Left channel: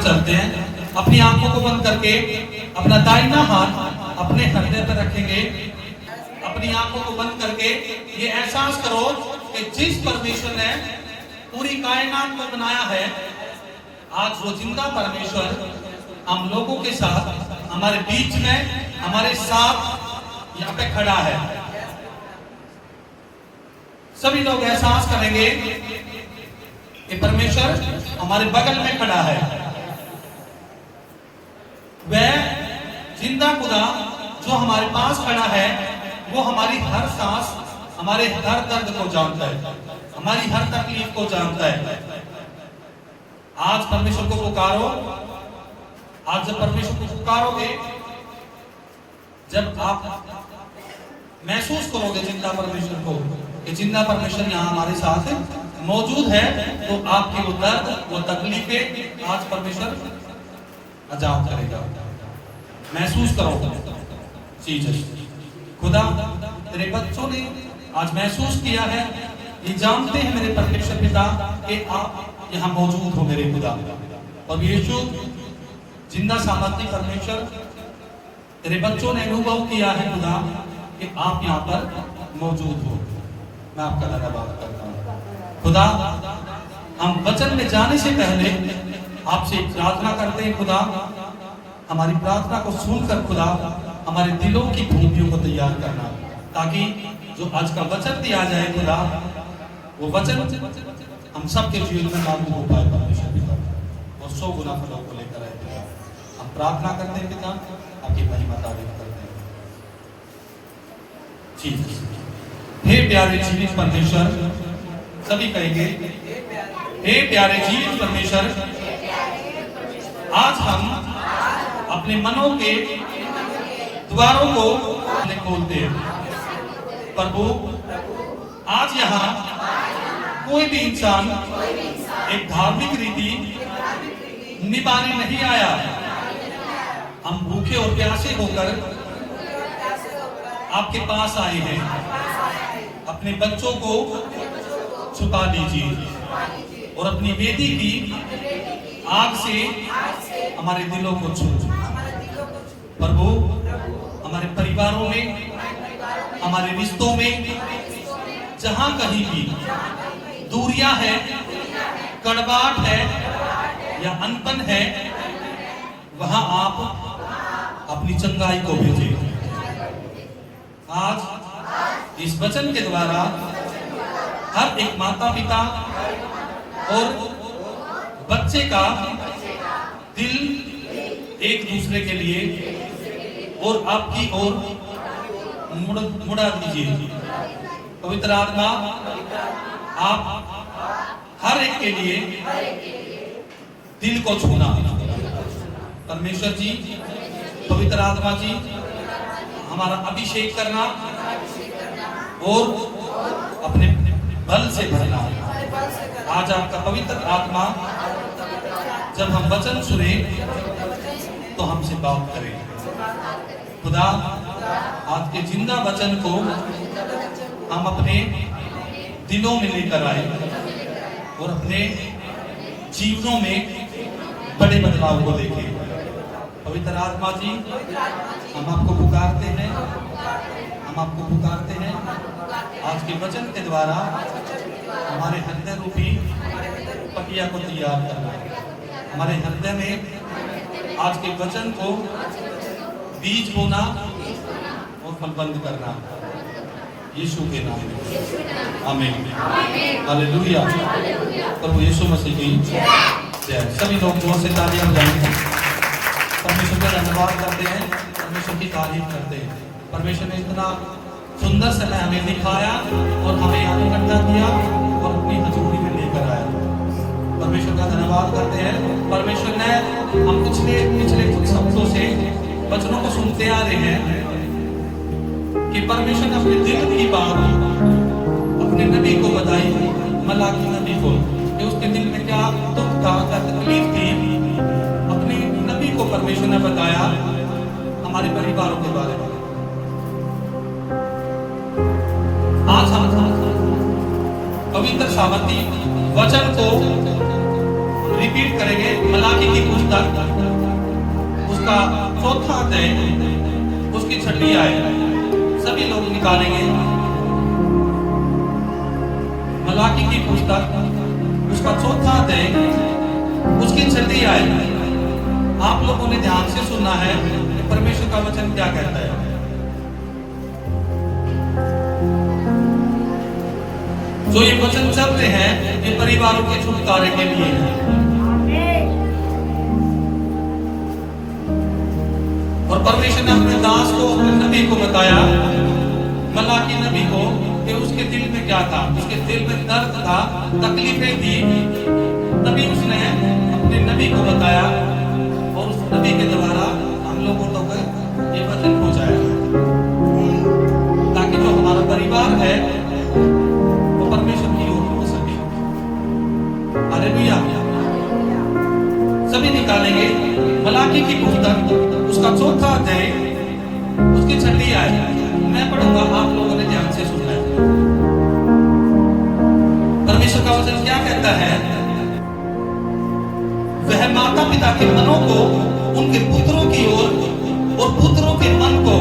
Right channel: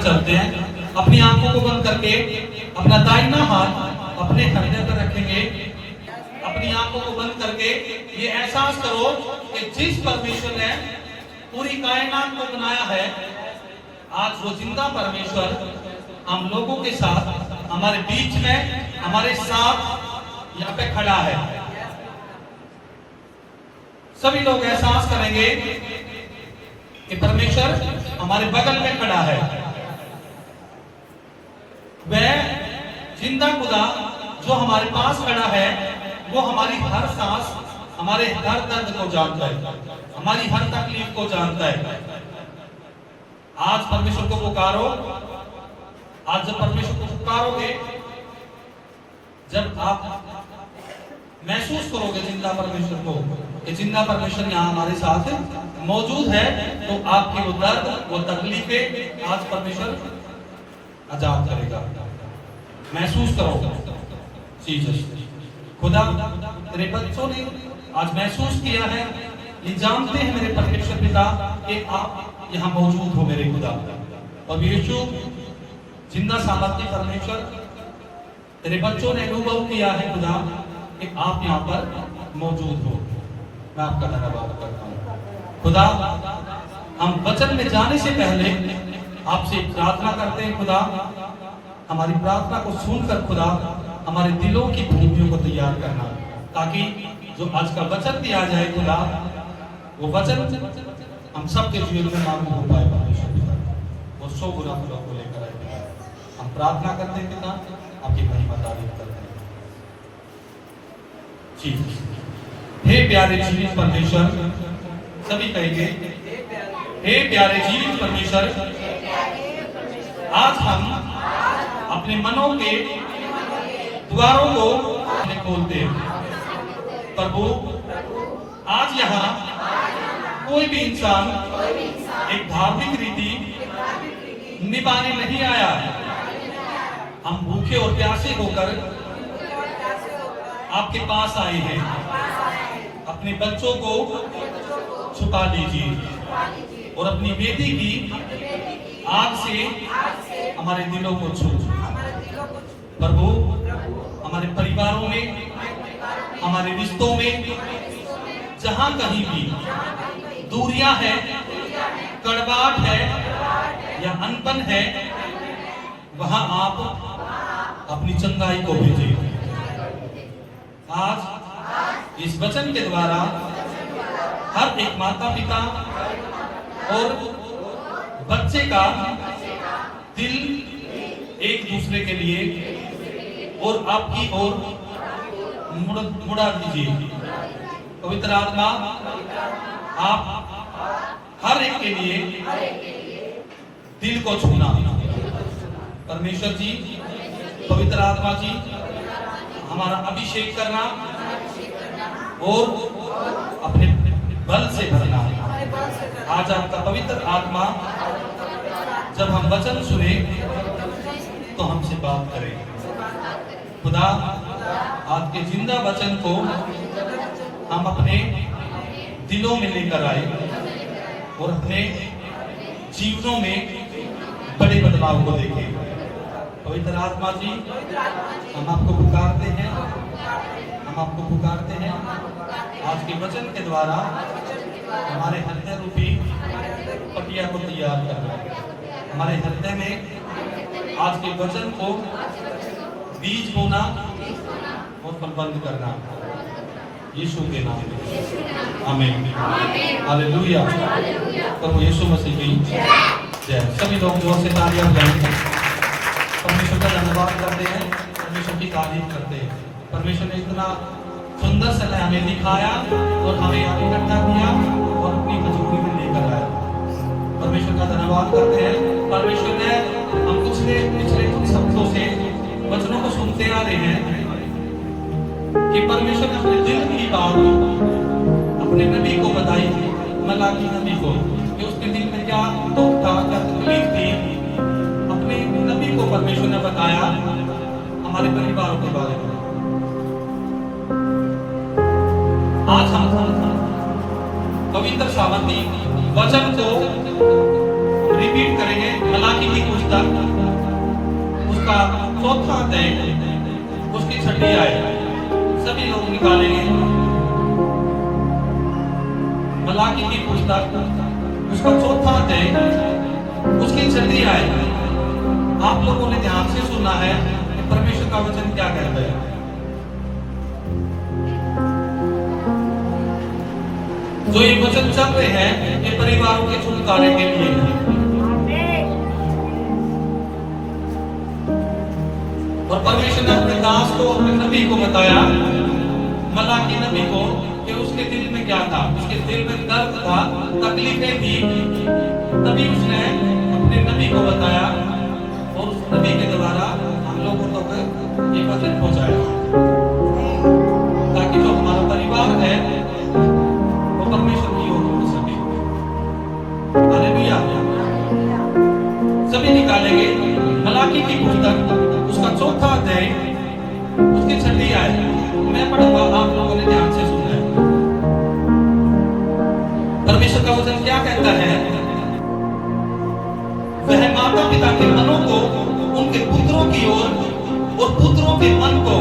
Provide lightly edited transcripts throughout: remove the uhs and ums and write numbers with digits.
चलते हैं। अपनी आंखों को बंद करके अपना दाहिना हाथ अपने हृदय पर रखेंगे। अपनी आंखों को बंद करके ये एहसास करो कि जिस परमेश्वर ने पूरी कायनात को बनाया है, आज वो जिंदा परमेश्वर हम लोगों के साथ, हमारे बीच में, हमारे साथ यहाँ पे खड़ा है। सभी लोग एहसास करेंगे कि परमेश्वर हमारे बगल में खड़ा है। वह जिंदा खुदा जो हमारे पास खड़ा है, वो हमारी हर सांस, हमारे हर दर्द को जानता है, हमारी हर तकलीफ को जानता है। आज परमेश्वर को पुकारो। आज जब परमेश्वर को पुकारोगे, जब आप महसूस करोगे जिंदा परमेश्वर को, कि जिंदा परमेश्वर यहाँ हमारे साथ मौजूद है, तो आपकी वो दर्द, वो तकलीफें आज परमेश्वर आजाद करेगा। महसूस करो जीसस। खुदा, तेरे बच्चों ने आज महसूस किया है, ये जानते हैं मेरे परमेश्वर पिता कि आप यहाँ मौजूद हो मेरे खुदा। और यीशु जिंदा सामर्थ्य परमेश्वर, तेरे बच्चों ने अनुभव किया है खुदा कि आप यहाँ पर मौजूद हो। मैं आपका धन्यवाद करता हूँ खुदा। हम वचन में जाने से पहले आपसे प्रार्थना करते हैं खुदा, हमारी प्रार्थना को सुनकर खुदा हमारे दिलों की भूमियों को तैयार करना, ताकि जो आज का वचन दिया जाए खुदा, वो वचन हम सबके जीवन में लागू हो पाए परमेश्वर पिता, और 100 गुना फलों को लेकर आए। हम प्रार्थना करते हैं पिता, आपकी महिमा तारीफ करते हैं। ठीक। हे प्यारे जीवित परमेश्वर, सभी कहेंगे हे प्यारे जीवित परमेश्वर, आज हम अपने मनों के द्वारों को खोलते हैं। प्रभु, आज यहाँ कोई भी इंसान एक धार्मिक रीति निभाने नहीं आया। हम भूखे और प्यासे होकर आपके पास आए हैं। अपने बच्चों को छुपा दीजिए और अपनी बेटी की आग से हमारे दिलों को छू। प्रभु, हमारे परिवारों में, हमारे रिश्तों में जहां कहीं भी दूरियां है, कड़वाहट है या अनबन है, वहां आप अपनी चंगाई को भेजिए। आज इस वचन के द्वारा हर एक माता पिता और बच्चे का दिल एक दूसरे के लिए और आपकी ओर मुड़ा दीजिए। पवित्र आत्मा, आप हर एक के लिए दिल को छूना। परमेश्वर जी, पवित्र आत्मा जी, हमारा अभिषेक करना और अपने बल से भरना। आज आपका पवित्र आत्मा जब हम वचन सुने तो हमसे बात करें। खुदा, आज के जिंदा वचन को हम अपने दिलों में लेकर आए और अपने जीवनों में बड़े बदलाव को देखें। पवित्र आत्मा जी, हम आपको पुकारते हैं, हम आपको पुकारते हैं। आज के वचन के द्वारा हमारे हृदय रूपी पटिया को तैयार करना, हमारे हृदय में आज के वचन को बीज बोना और फलबंद करना, यीशु के नाम में आमीन। हालेलुया। प्रभु यीशु मसीह की जय। सभी लोग जोर से तालियां बजाएंगे, परमेश्वर का धन्यवाद करते हैं, परमेश्वर की तारीफ करते हैं। परमेश्वर ने इतना सुंदर समय हमें दिखाया और हमें यहाँ इकट्ठा किया और अपनी हजूरी में लेकर आया। परमेश्वर का धन्यवाद करते हैं। परमेश्वर ने हम पिछले कुछ हफ्तों से वचनों को सुनते आ रहे हैं कि परमेश्वर ने अपने दिल की बात अपने नबी को बताई, मलाकी नबी को, कि उसके दिल में क्या दुख था, क्या तकलीफ थी। अपने नबी को परमेश्वर ने बताया हमारे परिवारों के बारे में। आज हम पवित्र सामर्थी वचन को रिपीट करेंगे। मलाकी की पुस्तक उसका 4था अध्याय उसकी 6ठी आयत सभी लोग निकालेंगे। मलाकी की पुस्तक उसका 4था अध्याय उसकी 6ठी आयत। आप लोगों ने ध्यान से सुनना है कि परमेश्वर का वचन क्या कहता है। जो ये वचन चलते हैं ये परिवारों के छुटकारे के लिए है। और परमेश्वर ने अपने दास को, अपने नबी को बताया, मलाकी नबी को, कि उसके दिल में क्या था। उसके दिल में दर्द था, तकलीफें थी, तभी उसने अपने नबी को बताया और उस नबी के द्वारा हम लोगों तक ये वचन पहुंचाया, ताकि जो हमारा परिवार है वो परमेश्वर की ओर हो सके। हालेलुया। सभी निकालेंगे मलाकी की पुस्तक उसका 4था अध्याय उसकी 6ठी आयत। मैं पढ़ूंगा, आप लोगों ने ध्यान से सुनना है। परमेश्वर का वचन क्या कहता है। वह माता पिता के मनों को उनके पुत्रों की ओर और पुत्रों के मन को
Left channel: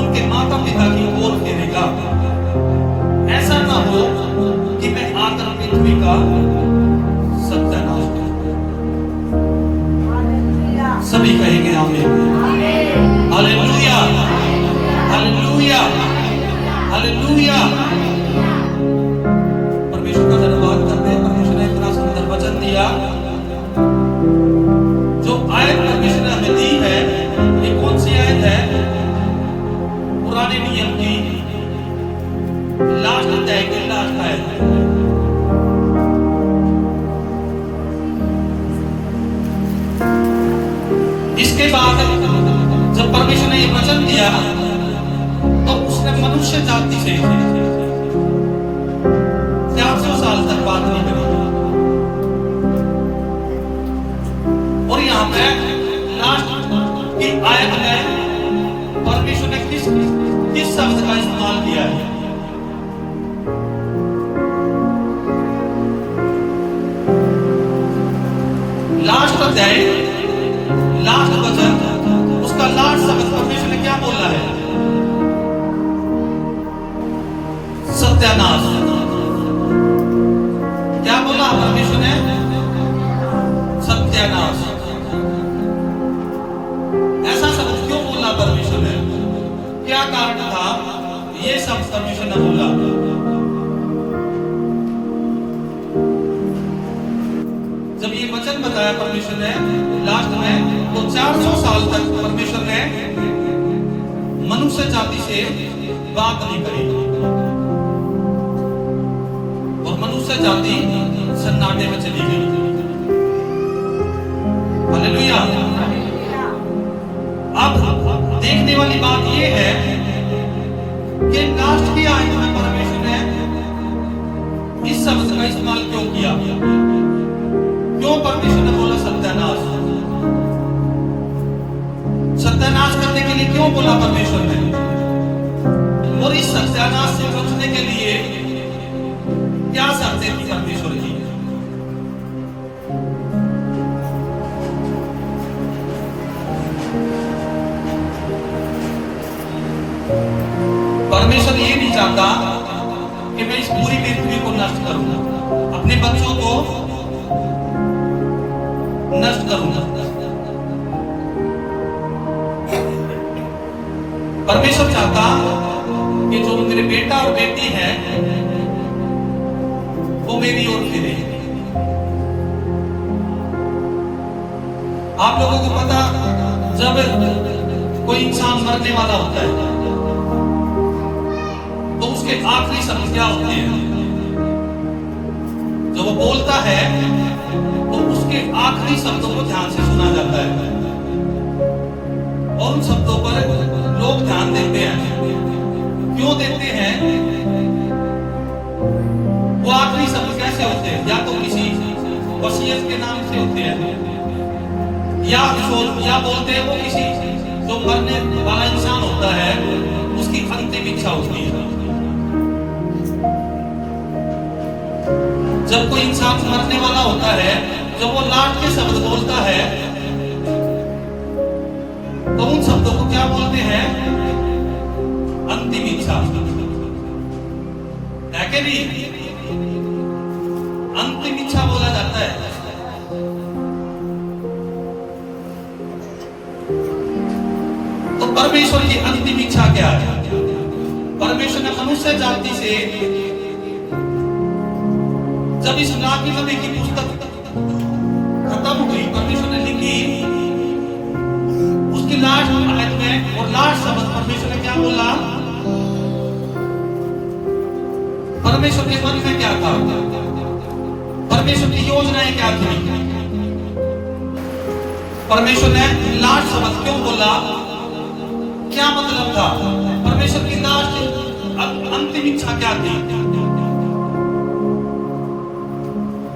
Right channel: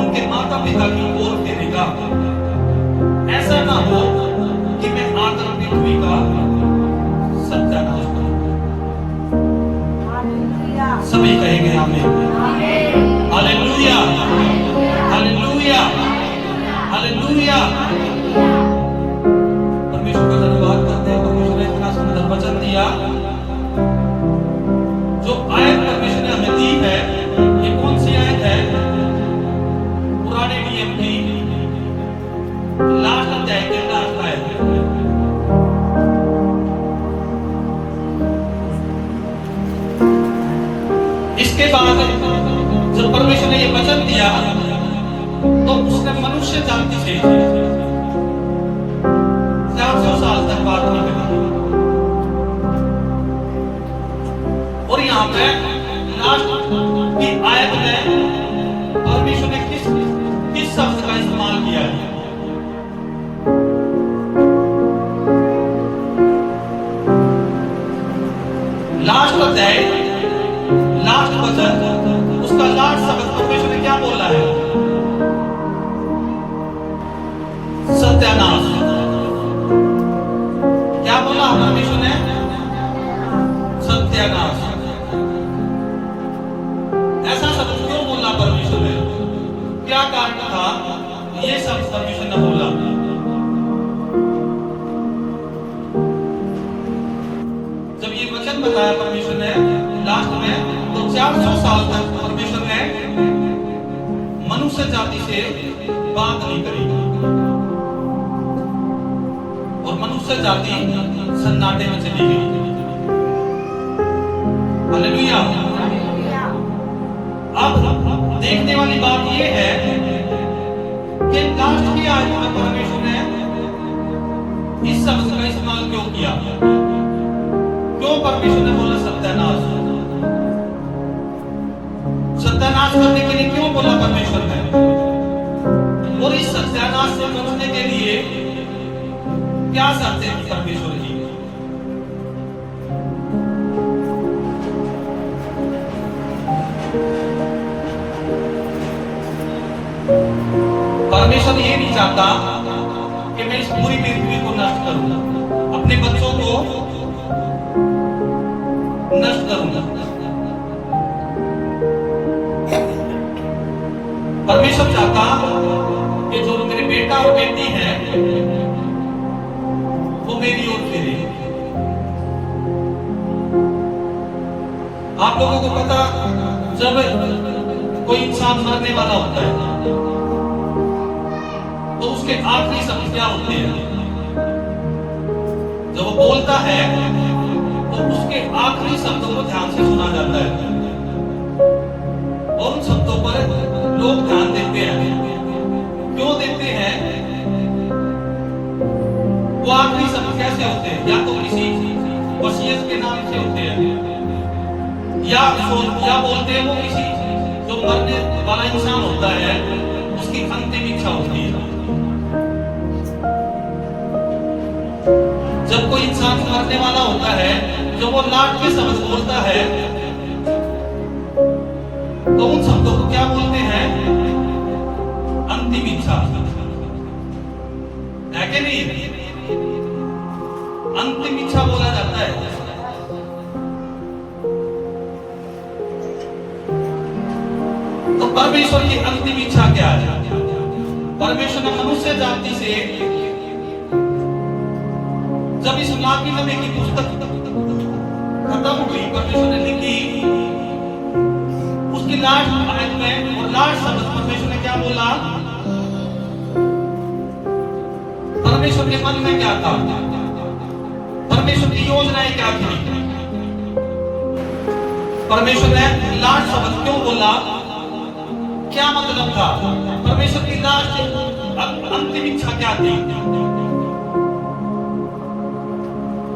उनके माता पिता की ओर फेरेगा। ऐसा ना हो कि मैं आकर पृथ्वी का सत्यानाश करूं। सभी कहेंगे आमीन। Hallelujah, hallelujah, hallelujah. परमेश्वर का धन्यवाद करते हैं। परमेश्वर ने इतना सुंदर वचन दिया। जो आयत परमेश्वर ने हमें दी है, ये कौन सी आयत है। पुराने नियम की लास्ट अध्याय की लास्ट आयत। इसके बाद जब परमेश्वर ने ये वचन दिया तो उसने मनुष्य जाति से 400 साल तक बात नहीं करी। और यहाँ पे लास्ट की आयत में परमेश्वर ने किस शब्द का इस्तेमाल किया है। लास्ट अध्याय लास्ट वचन उसका लास्ट शब्द परमेश्वर ने क्या बोला है। सत्यानाश। क्या बोला परमेश्वर ने। सत्यानाश। ऐसा शब्द क्यों बोला परमेश्वर ने। क्या कारण था ये शब्द परमेश्वर ने बोला। जब ये वचन बताया परमेश्वर ने लास्ट में, तो 400 साल तक परमेश्वर ने मनुष्य जाति से बात नहीं करी और मनुष्य जाति सन्नाटे में चली गई। हालेलुया। अब देखने वाली बात यह है कि लास्ट की आयत में परमेश्वर ने इस शब्द का इस्तेमाल क्यों किया। क्यों परमेश्वर ने बोला सत्यानाश। सत्यानाश करने के लिए क्यों बोला परमेश्वर ने। और इस सत्यानाश से बचने के लिए क्या शर्तें थी परमेश्वर की। परमेश्वर ये नहीं चाहता कि मैं इस पूरी पृथ्वी को नष्ट करूं, अपने बच्चों को नष्ट करूंगा। परमेश्वर चाहता कि जो मेरे बेटा और बेटी हैं वो मेरी ओर फिरे। आप लोगों को पता, जब कोई इंसान मरने वाला होता है तो उसके आखिरी शब्द क्या होते हैं। जब वो बोलता है तो उसके आखिरी शब्दों को ध्यान से सुना जाता है और उन शब्दों पर लोग ध्यान देते हैं। क्यों देते हैं। वो आखिरी शब्द कैसे होते हैं। या तो किसी वसीयत के नाम से होते हैं या बोलते हैं वो किसी जो मरने वाला इंसान होता है उसकी अंतिम इच्छा होती है। जब कोई इंसान मरने वाला होता है जब वो लास्ट के शब्द बोलता है तो उन शब्दों को क्या बोलते हैं? अंतिम इच्छा है कि नहीं? अंतिम इच्छा बोला जाता है। तो परमेश्वर की अंतिम इच्छा क्या है? परमेश्वर ने मनुष्य जाति से जब इस नाकी नबी की पुस्तक खत्म हुई, परमेश्वर ने लिखी, उसकी लास्ट आयत में और लास्ट शब्द परमेश्वर ने क्या बोला? परमेश्वर के मन में क्या था? परमेश्वर की योजनाएं क्या थी? परमेश्वर ने लास्ट शब्द क्यों बोला? क्या मतलब था? परमेश्वर की लास्ट अंतिम इच्छा क्या थी?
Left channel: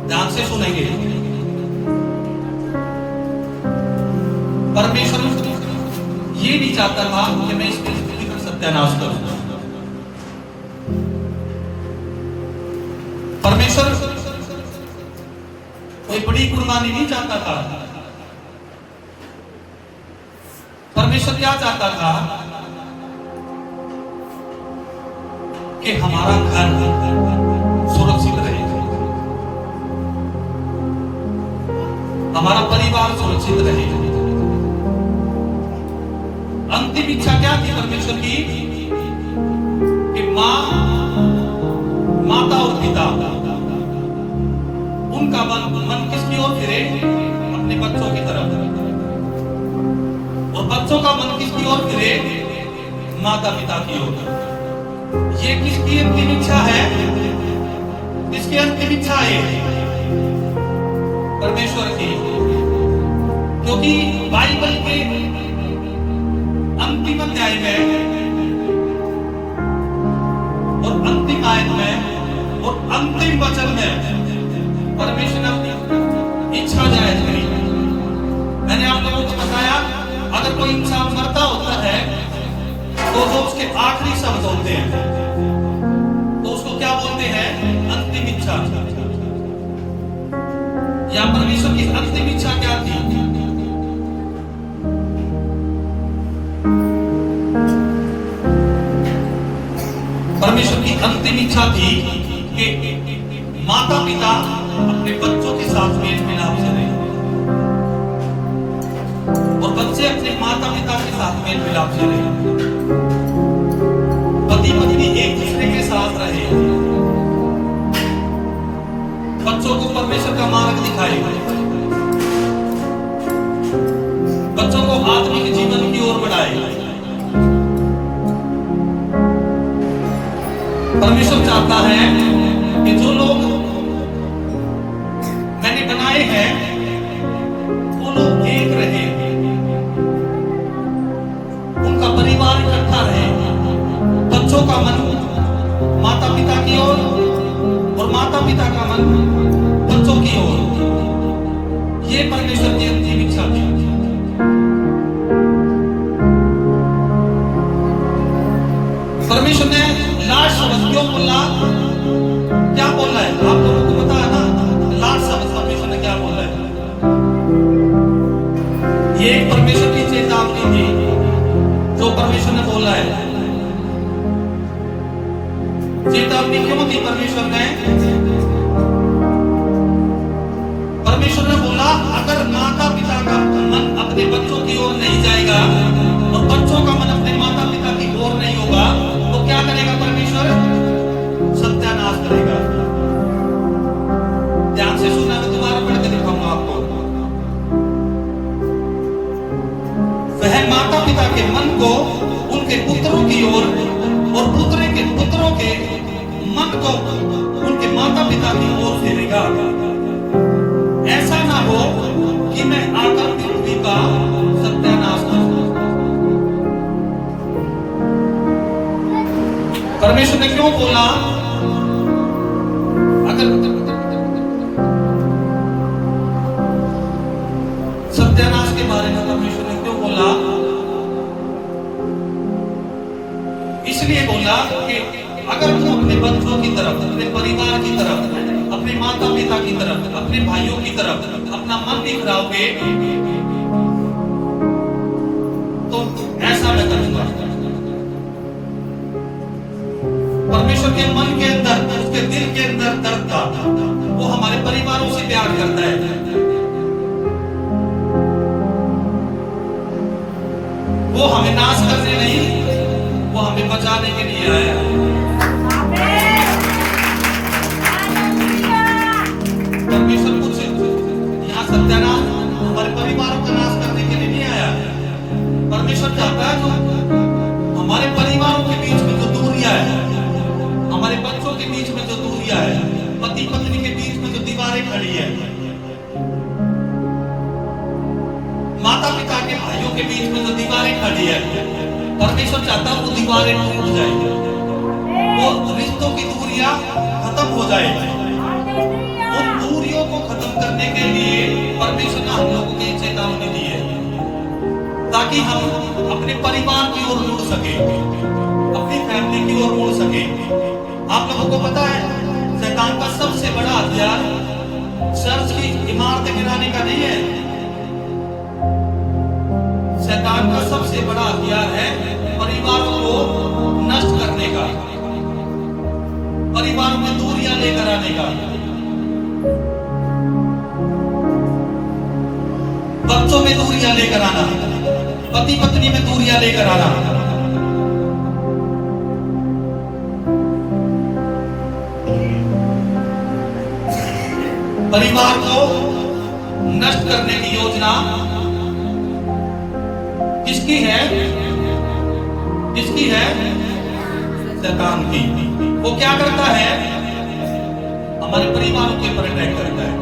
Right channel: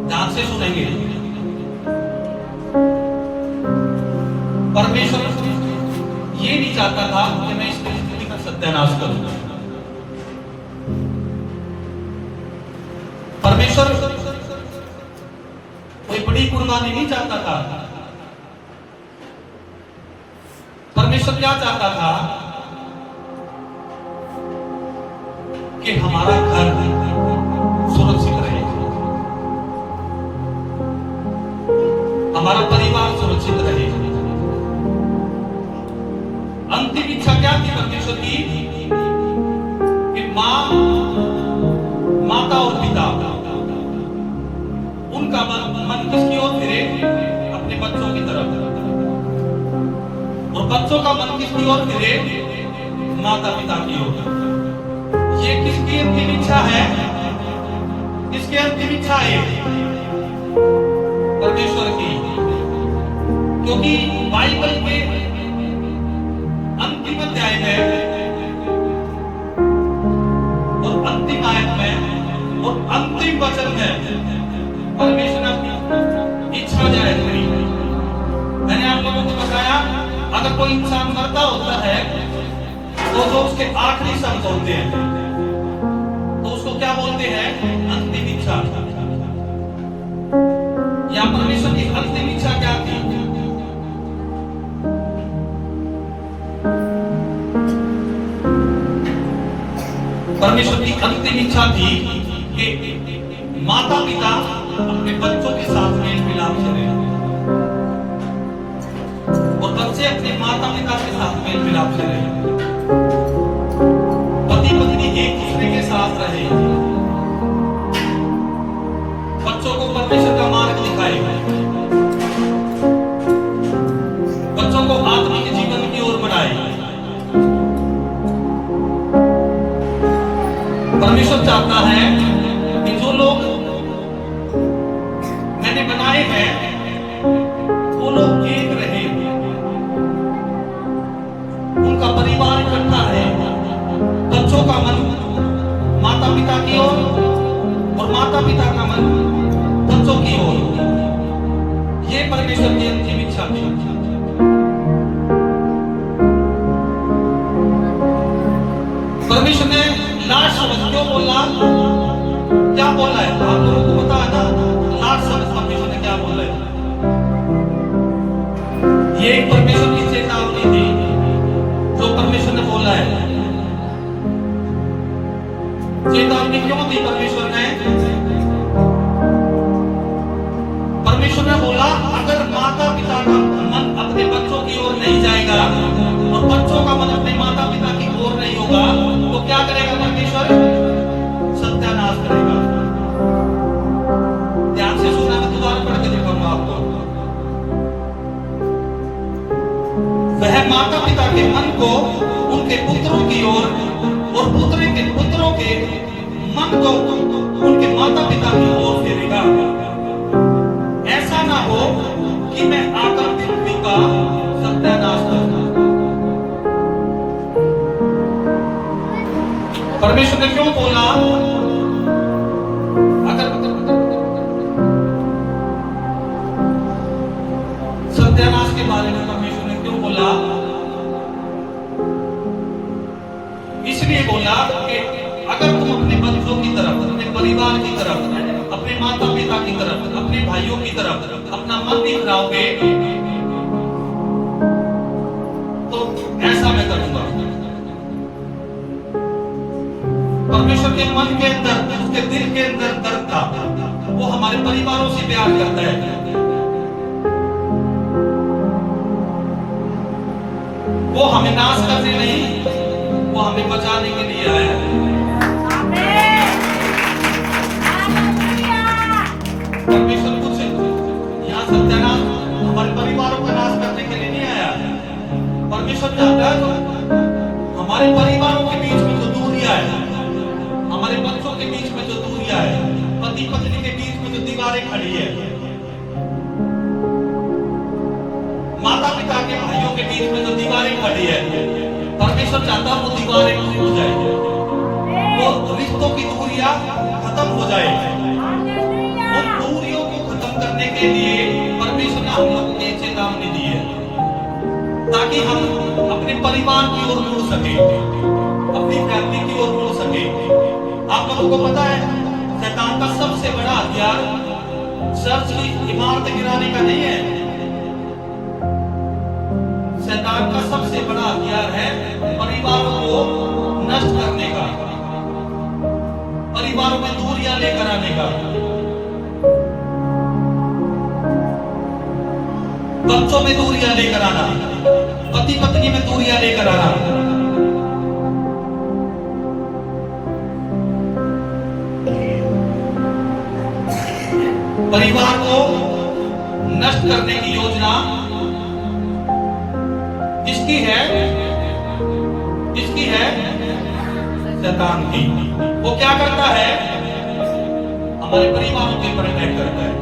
ध्यान से सुनेंगे। परमेश्वर ये नहीं चाहता था कि मैं इस परिस्थिति का सत्यानाश करूं। परमेश्वर कोई बड़ी कुर्बानी नहीं चाहता था। परमेश्वर क्या चाहता था? कि हमारा घर सुरक्षित रहे, हमारा परिवार सुरक्षित रहे। अंतिम इच्छा क्या थी परमेश्वर की? कि माता और पिता उनका मन किसकी ओर फिरे? अपने बच्चों की तरफ। और बच्चों का मन किसकी ओर फिरे? माता पिता की ओर। ये किसकी अंतिम इच्छा है? किसकी अंतिम इच्छा है? परमेश्वर की। क्योंकि बाइबल के अंतिम अध्याय में और अंतिम आयत में और अंतिम वचन में परमेश्वर ने अपनी इच्छा जाहिर करी। मैंने आप लोगों को बताया, अगर कोई इंसान मरता होता है तो जो उसके आखिरी शब्द होते हैं तो उसको क्या बोलते हैं? अंतिम इच्छा। या परमेश्वर की अंतिम इच्छा क्या थी? परमेश्वर की अंतिम इच्छा थी कि माता पिता अपने बच्चों के साथ मेल मिलाप से रहें और बच्चे अपने माता पिता के साथ मेल मिलाप से रहें। पति पत्नी एक दूसरे के साथ रहे, बच्चों को परमेश्वर का मार्ग दिखाए, बच्चों को आत्मिक जीवन की ओर बढ़ाए। परमेश्वर चाहता है कि जो लोग मैंने बनाए हैं वो लोग एक रहे, उनका परिवार इकट्ठा रहे, बच्चों का मन माता पिता की ओर और माता पिता का मन बच्चों की ओर। ये परमेश्वर की अंतिम इच्छा थी। परमेश्वर ने लास्ट शब्द क्यों बोला? क्या बोला है? आप लोगों को पता है ना लास्ट शब्द परमेश्वर ने क्या बोला है? ये एक परमेश्वर की चेतावनी थी जो परमेश्वर ने बोला है। चेतावनी क्यों दी परमेश्वर ने? परमेश्वर ने बोला अगर माता पिता का मन अपने बच्चों की ओर नहीं जाएगा और बच्चों का मन अपने माता पिता की ओर नहीं होगा तो क्या करेगा परमेश्वर? सत्यानाश करेगा। ध्यान से सुनना, मैं दोबारा पढ़ के दिखाऊंगा आपको। वह माता पिता के मन को उनके पुत्रों की ओर और पुत्रों के मन को उनके माता पिता की ओर फेरेगा। ऐसा ना हो कि मैं आकर पृथ्वी का सत्यानाश करूं। परमेश्वर ने क्यों बोला? अगर सत्यानाश के बारे में परमेश्वर ने क्यों बोला? इसलिए बोला कि अगर तुम अपने बच्चों की तरफ, अपने परिवार की तरफ अपने माता पिता की तरफ, अपने भाइयों की तरफ अपना मन दिखलाओगे तो ऐसा मैं करूंगा। परमेश्वर के मन के अंदर, उसके दिल के अंदर दर्द था। वो हमारे परिवारों से प्यार करता है। वो हमें नाश करने नहीं, वो हमें बचाने के लिए आया है। परमेश्वर कुछ यहाँ सत्यानाश हमारे परिवारों का नाश करने के लिए नहीं आया। परमेश्वर चाहता है हमारे परिवारों के बीच में जो दूरियां है, हमारे बच्चों के बीच में जो दूरियां है, पति पत्नी के बीच में जो दीवारें खड़ी है, माता पिता के भाइयों के बीच में जो दीवारें खड़ी है, परमेश्वर चाहता है वो दीवारें टूट जाए, वो रिश्तों की दूरियां खत्म हो जाए। उन दूरियों को खत्म करने के लिए परमेश्वर ने हम लोगों को चेतावनी दी है, ताकि हम अपने परिवार की ओर मुड़ सके, अपनी फैमिली की ओर मुड़ सके। आप लोगों को पता है शैतान का सबसे बड़ा हथियार चर्च की इमारतें गिराने का नहीं है। शैतान का सबसे बड़ा हथियार है परिवारों को नष्ट करने का, परिवारों में दूरियां लेकर आने का, बच्चों में दूरियां लेकर आना, पति पत्नी में दूरियां लेकर आना। परिवार को नष्ट करने की योजना किसकी है? किसकी है? शैतान की। वो क्या करता है? हमारे परिवारों के ऊपर अटैक करता है।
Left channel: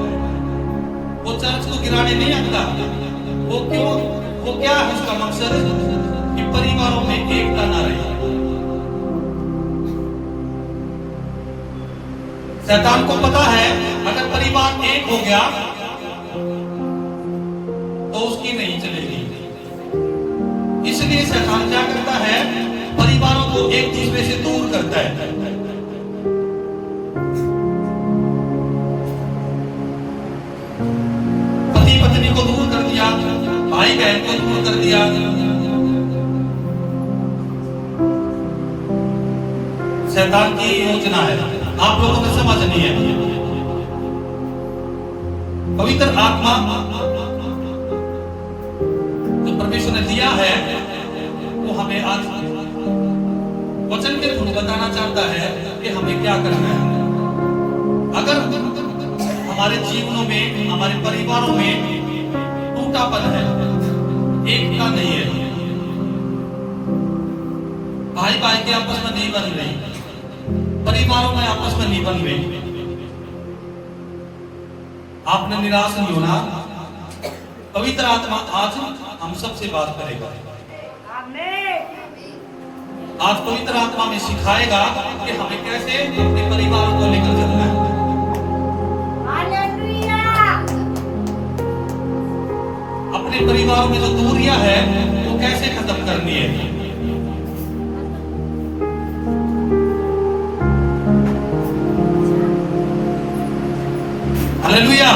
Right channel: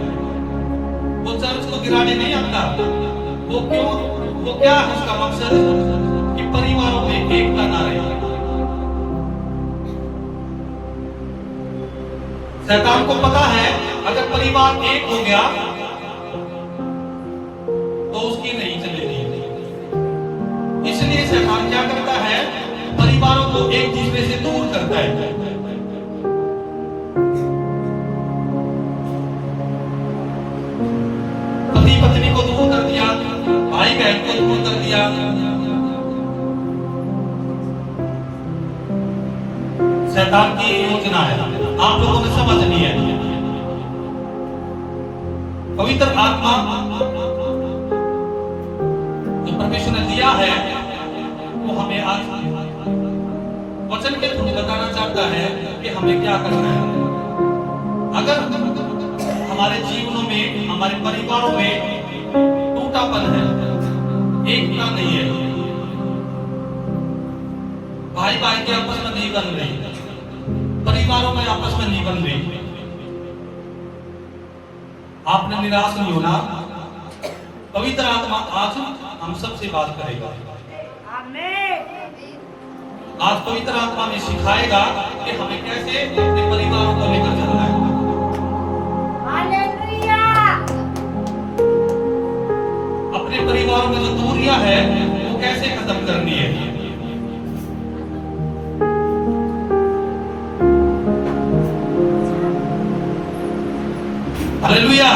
वो चर्च को गिराने नहीं आता। वो क्यों? वो क्या है उसका मकसद? कि परिवारों में एकता ना रहे। शैतान को पता है अगर परिवार एक हो गया तो उसकी नहीं चलेगी। इसलिए शैतान क्या करता है? परिवारों को एक दूसरे से दूर करता है। पति पत्नी को दूर कर दिया, भाई बहन को दूर कर दिया। शैतान की योजना है, आप लोगों ने समझनी है। पवित्र आत्मा जो परमेश्वर ने दिया है वो हमें आज वचन के थ्रू बताना चाहता है कि हमें क्या करना है। अगर हमारे जीवनों में, हमारे परिवारों में टूटापन है, एकता नहीं है, भाई भाई के आपस में नहीं बन रहे, परिवारों में आपस में नहीं बन रहे, आपने निराश नहीं होना। पवित्र आत्मा आज हम सबसे बात करेगा। आज पवित्र आत्मा में सिखाएगा कि हमें कैसे अपने परिवारों को लेकर चलना है। अपने परिवारों में जो दूरियां है वो कैसे खत्म करनी है। हालेलुया।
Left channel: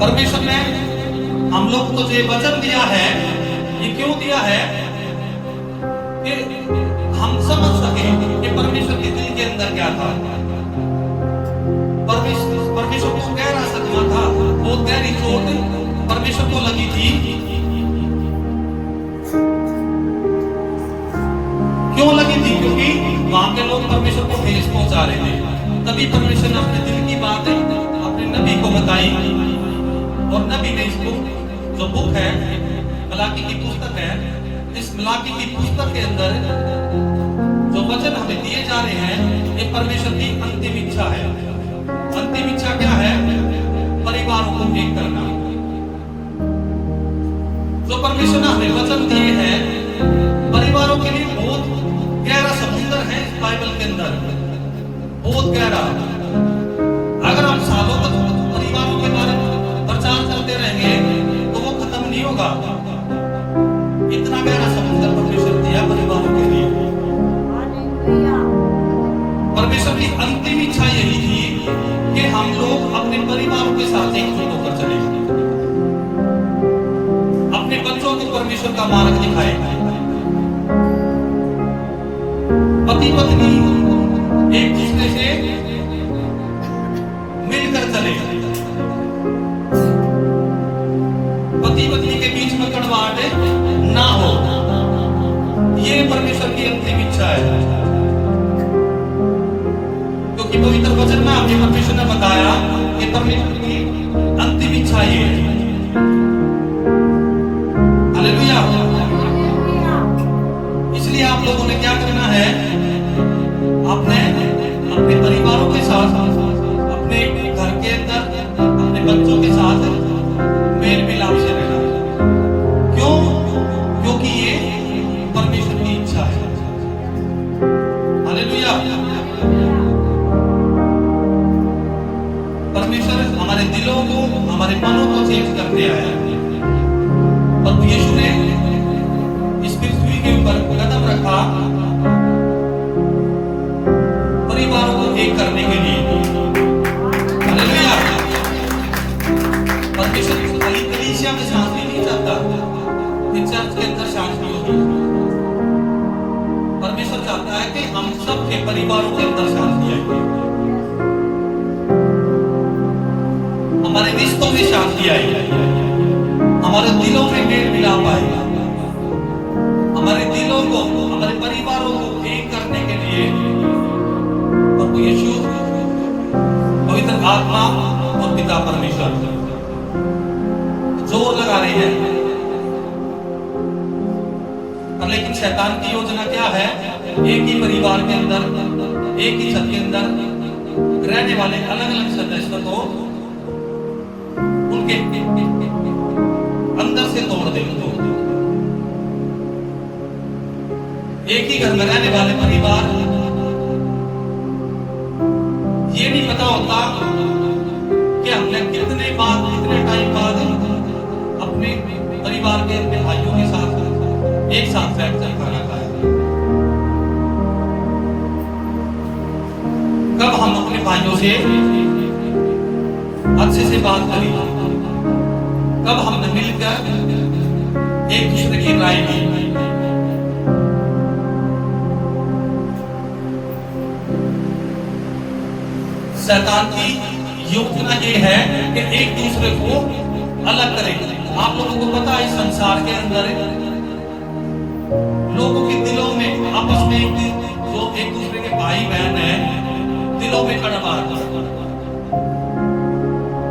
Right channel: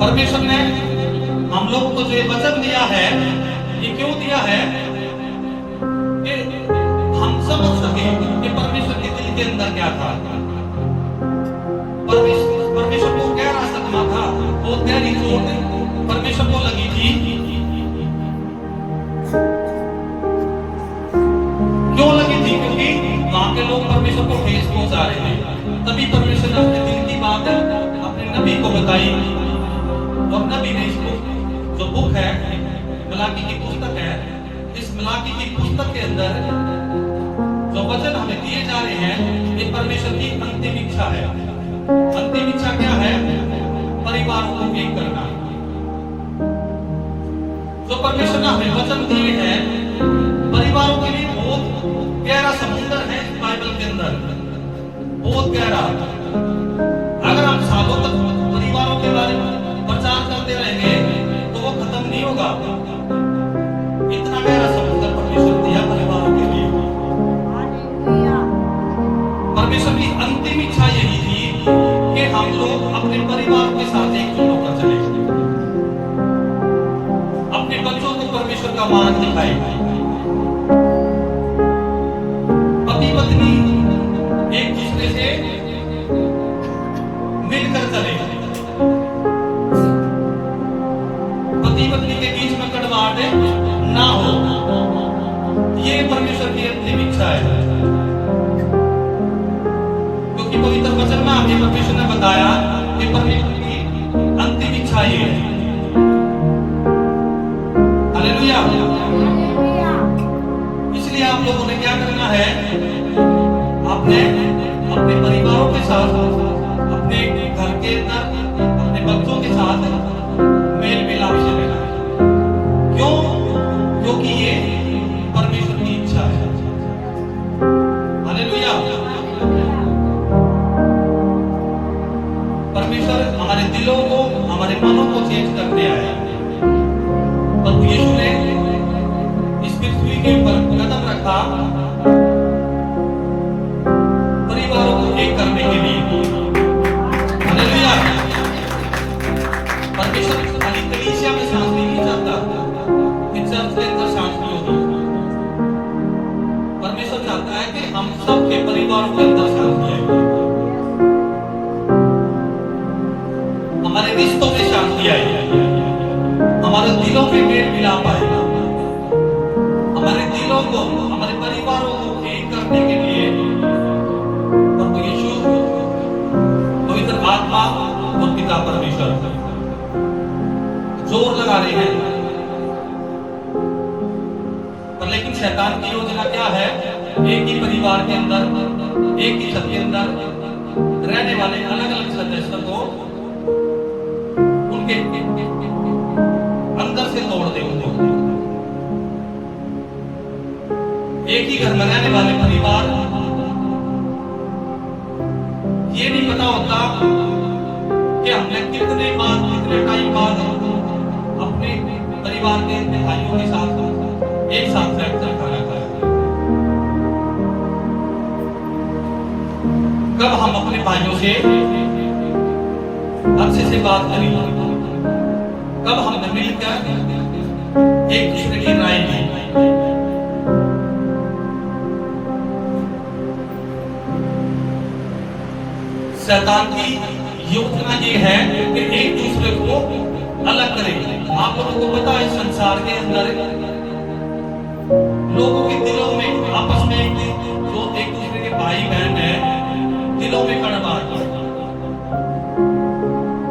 परमेश्वर ने हम लोगों को जो वचन दिया है, ये क्यों दिया है? कि हम समझ सके कि परमेश्वर के दिल के अंदर क्या था। परमेश्वर को गहरा सदमा था, बहुत गहरी चोट परमेश्वर को लगी थी। क्यों लगी थी? क्योंकि वहां के लोग परमेश्वर को ठेस पहुंचा रहे थे। तभी परमेश्वर ने अपने दिल की बात अपने नबी को बताई, और नबी ने इसको जो बुक है, मलाकी की पुस्तक है, इस मलाकी की पुस्तक के अंदर जो वचन हमें दिए जा रहे हैं, ये परमेश्वर की अंतिम इच्छा है। अंतिम इच्छा क्या है? परिवारों को एक करना। जो परमेश्वर ने हमें वचन दिए हैं, परिवारों के लिए बहुत गहरा समुद्र है इस बाइबल के अंदर, बहुत गहरा। अगर हम सालों तक परिवारों के बारे में प्रचार करते रहेंगे तो वो खत्म नहीं होगा। इतना गहरा समुद्र परमेश्वर दिया परिवारों के लिए। परमेश्वर की का मार्ग दिखाए। पति पत्नी एक दूसरे से मिलकर चले, पति पत्नी के बीच में कड़वाहट ना हो, ये परमेश्वर की अंतिम इच्छा है। क्योंकि पवित्र वचन में हमें परमेश्वर ने बताया कि परमेश्वर की अंतिम इच्छा ये है। हालेलुया। इसलिए आप लोगों ने क्या करना है, आपने अपने परिवारों के साथ, अपने घर के अंदर, अपने बच्चों के साथ मेल मिलाप से रहना है। क्यों? क्योंकि ये परमेश्वर की इच्छा है। हालेलुया। परमेश्वर हमारे दिलों को, हमारे मनों को चेंज करने आया। प्रभु यीशु ने इस पृथ्वी के ऊपर कदम रखा परिवारों को एक करने के लिए। हालेलुया। परमेश्वर खाली कलीसिया में शांति नहीं चाहता कि चर्च के अंदर शांति होगी। परमेश्वर चाहता है कि हम सबके परिवारों के अंदर शांति आए, हमारे रिश्तों में शांति आए, हमारे दिलों में मेल मिलाप आए, हमारे दिलों को, हमारे परिवारों को एक करने के लिए प्रभु यीशु, पवित्र आत्मा और पिता परमेश्वर जोर लगा रहे हैं। पर लेकिन शैतान की योजना क्या है? एक ही परिवार के अंदर, एक ही छत के अंदर रहने वाले अलग अलग सदस्य को उनके अंदर से तोड़ दे। उनको एक ही घर में रहने वाले परिवार, ये नहीं पता होता कि हमने कितने टाइम बाद अपने परिवार के भाइयों के साथ एक साथ बैठकर खाना खाया। कब हम अपने भाइयों से अच्छे से बात करें, कब हमने मिलकर एक दूसरे की राय ली। शैतान की योजना ये है कि एक दूसरे को अलग करें। आप लोगों को पता है संसार के अंदर लोगों के दिलों में आपस में जो एक दूसरे के भाई बहन है, दिलों में कड़वाहट।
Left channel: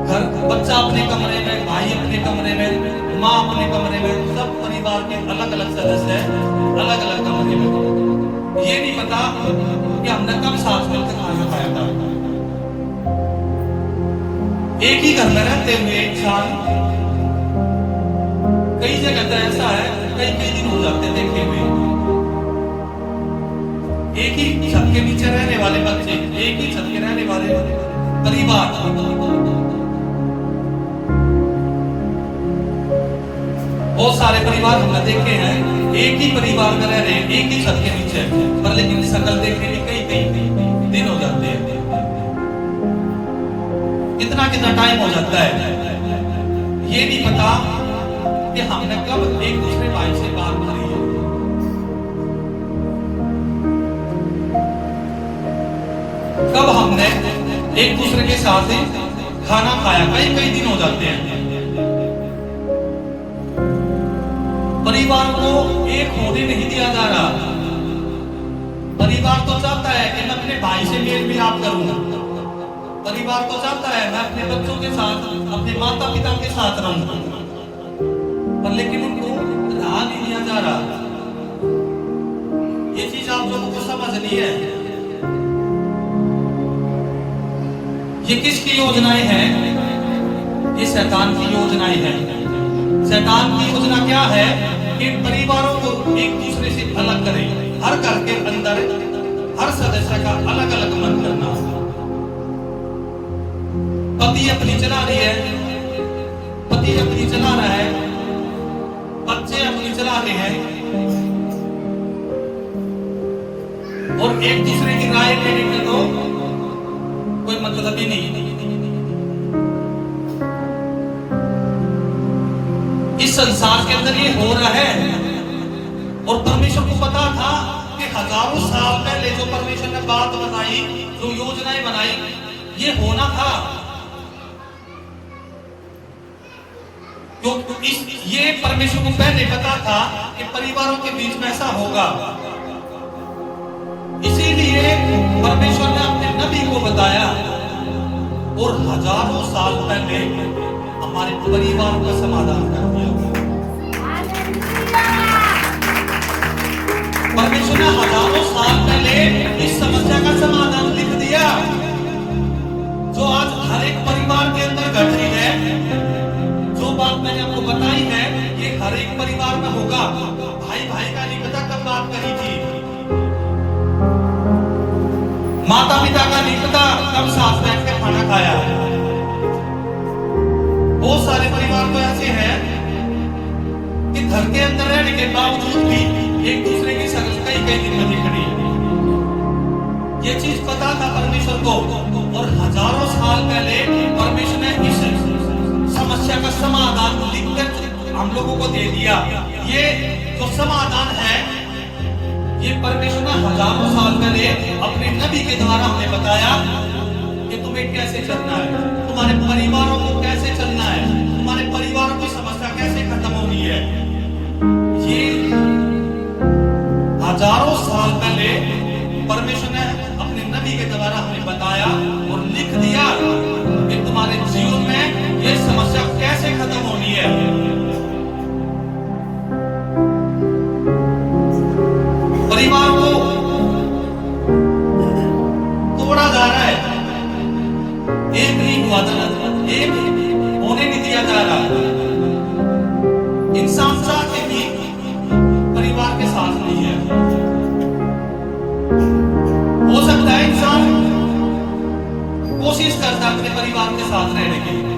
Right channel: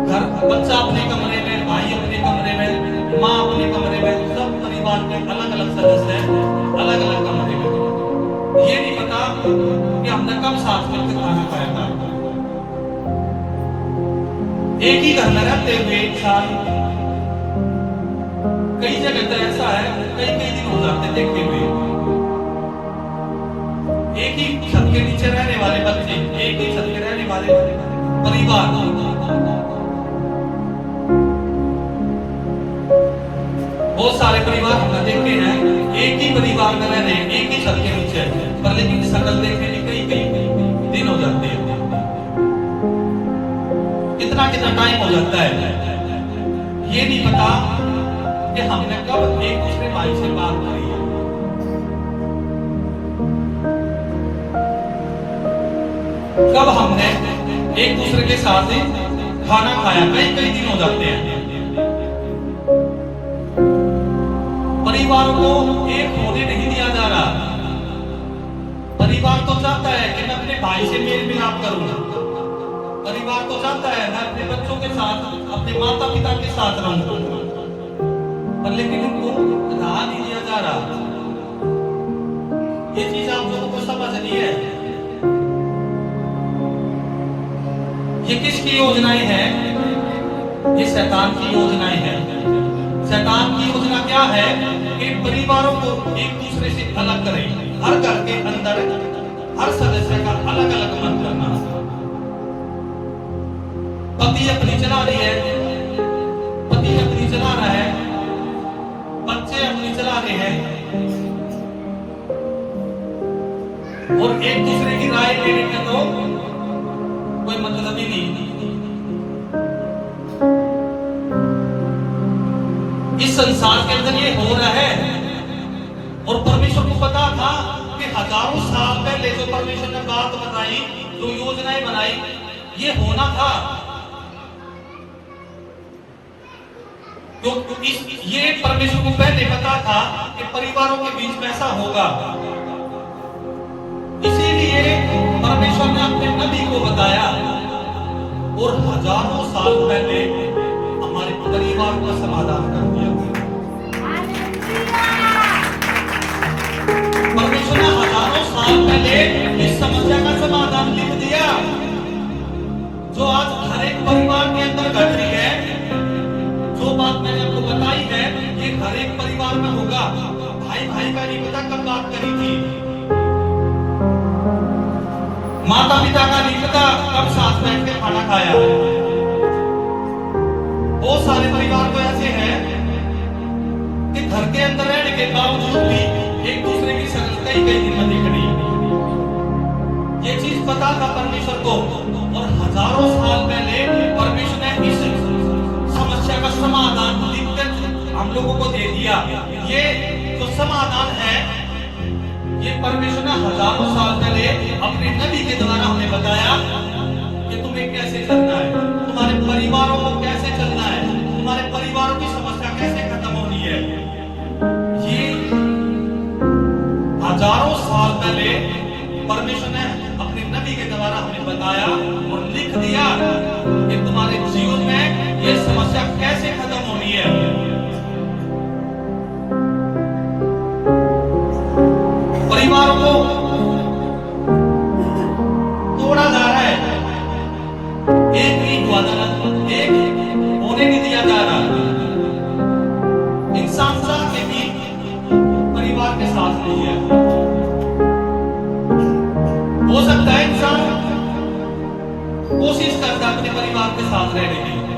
घर बच्चा अपने कमरे में, भाई अपने कमरे में, माँ अपने कमरे में, सब परिवार के अलग अलग सदस्य अलग अलग कमरे में। ये नहीं पता कि हमने कब साथ मिलकर खाना खाया था। एक ही घर में रहते हुए एक साल, कई जगह तो ऐसा है कई दिन हो जाते देखे हुए। एक ही छत के नीचे रहने वाले बच्चे, एक ही छत के रहने वाले परिवार, बहुत सारे परिवार हमने देखे हैं एक ही परिवार में रह रहे हैं, एक ही छत के नीचे, पर लेकिन शकल देखने में कई दिन हो जाते हैं। कितना टाइम हो जाता है, ये नहीं पता कि हमने कब एक दूसरे भाई से बात करी है। कब हमने एक दूसरे के साथ खाना खाया। कई दिन हो जाते हैं। परिवार को एक होने नहीं दिया जा रहा। परिवार तो चाहता है कि मैं अपने भाई से मेल मिलाप करूं, परिवार तो चाहता है मैं अपने बच्चों के साथ, अपने माता पिता के साथ रहूं, पर लेकिन उनको राह नहीं दिया जा रहा। ये चीज आप लोगों को समझनी है। ये किसकी योजनाएं हैं? ये शैतान की योजनाएं हैं। शैतान की योजना क्या है कि परिवारों को एक दूसरे से अलग करें। हर घर के अंदर हर सदस्य का अलग अलग मन करना। पति अपनी चला रही है, पति अपनी चला रहा है, बच्चे अपनी चला रहे हैं, और एक दूसरे की राय लेने का तो कोई मतलब ही नहीं। इस संसार के अंदर ये हो रहा है और परमेश्वर को पता था कि हजारों साल पहले जो परमेश्वर ने बात बनाई, जो योजनाएं बनाई, ये होना था। ये परमेश्वर को पहले पता था कि परिवारों के बीच में ऐसा होगा। इसीलिए परमेश्वर ने अपने नबी को बताया और हजारों साल पहले हमारे परिवारों का समाधान कर दिया। परमेश्वर ने हजारों साल पहले इस समस्या का समाधान लिख दिया, जो आज हर एक परिवार के अंदर घट रही है। जो बात मैंने आपको बताई है, ये हर एक परिवार में होगा। भाई भाई का नहीं पता कब बात करी थी, माता पिता का नहीं पता कब साथ बैठ के खाना खाया। बहुत सारे परिवार तो ऐसे हैं कि घर के अंदर रहने के बावजूद भी एक दूसरे की शक्ल कई दिन में दिख रही। ये चीज पता था परमेश्वर को, और हजारों साल पहले परमेश्वर ने इस समस्या का समाधान लिखकर हम लोगों को दे दिया। ये जो समाधान है, ये परमेश्वर ने हजारों साल पहले अपने नबी के द्वारा हमें बताया कि तुम्हें कैसे चलना है, तुम्हारे परिवारों को कैसे चलना है, तुम्हारे परिवारों की समस्या कैसे खत्म होनी है। ये हजारों साल पहले परमेश्वर ने अपने नबी के द्वारा हमें बताया और लिख दिया कि तुम्हारे जीवन में ये समस्या कैसे खत्म होनी है। परिवार को तोड़ा जा रहा है, एक नहीं हुआ था, एक होने नहीं दिया जा रहा। इंसान चाहते कि परिवार के साथ नहीं है। हो सकता है इंसान कोशिश करता है अपने परिवार के साथ रहने के लिए,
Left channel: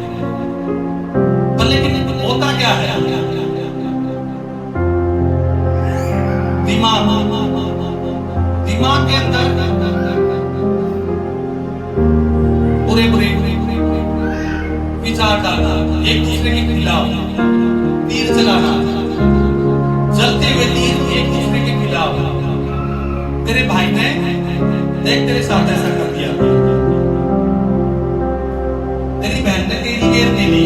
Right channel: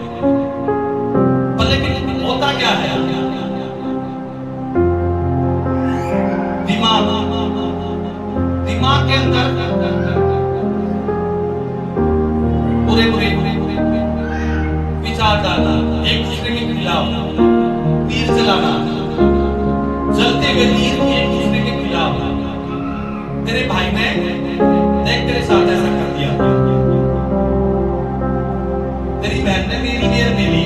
पर लेकिन होता क्या है, दिमाग के अंदर बुरे बुरे विचार डालना, एक दूसरे के खिलाफ तीर चलाना, जलते हुए तीर एक दूसरे के खिलाफ। तेरे भाई ने देख तेरे साथ ऐसा कर दिया, तेरी बहन ने तेरी घेर ले ली,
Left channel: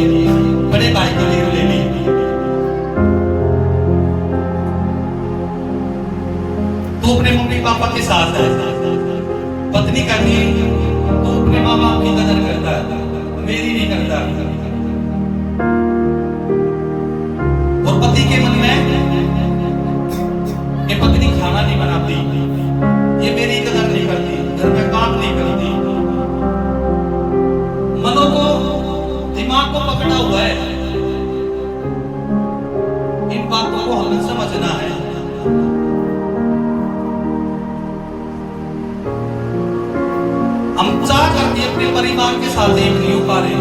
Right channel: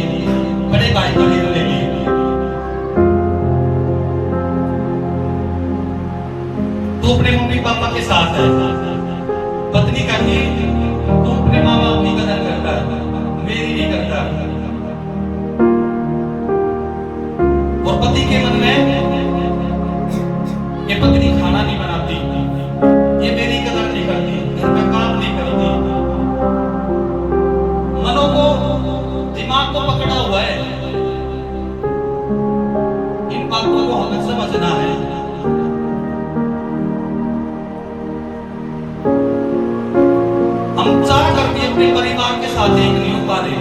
बड़े भाई को घेर ले ली। तू अपने मम्मी पापा के साथ है, पत्नी कहती है तू अपने माँ बाप की कदर करता है, मेरी नहीं करता। और पति के मन में ये पत्नी खाना नहीं बनाती, ये मेरी कदर नहीं करती, घर में काम नहीं करती। मनों को, दिमाग को पकड़ा हुआ है। इन बातों को हमें समझना है। हम चाह करके अपने परिवार के साथ एक नहीं हो पा रहे।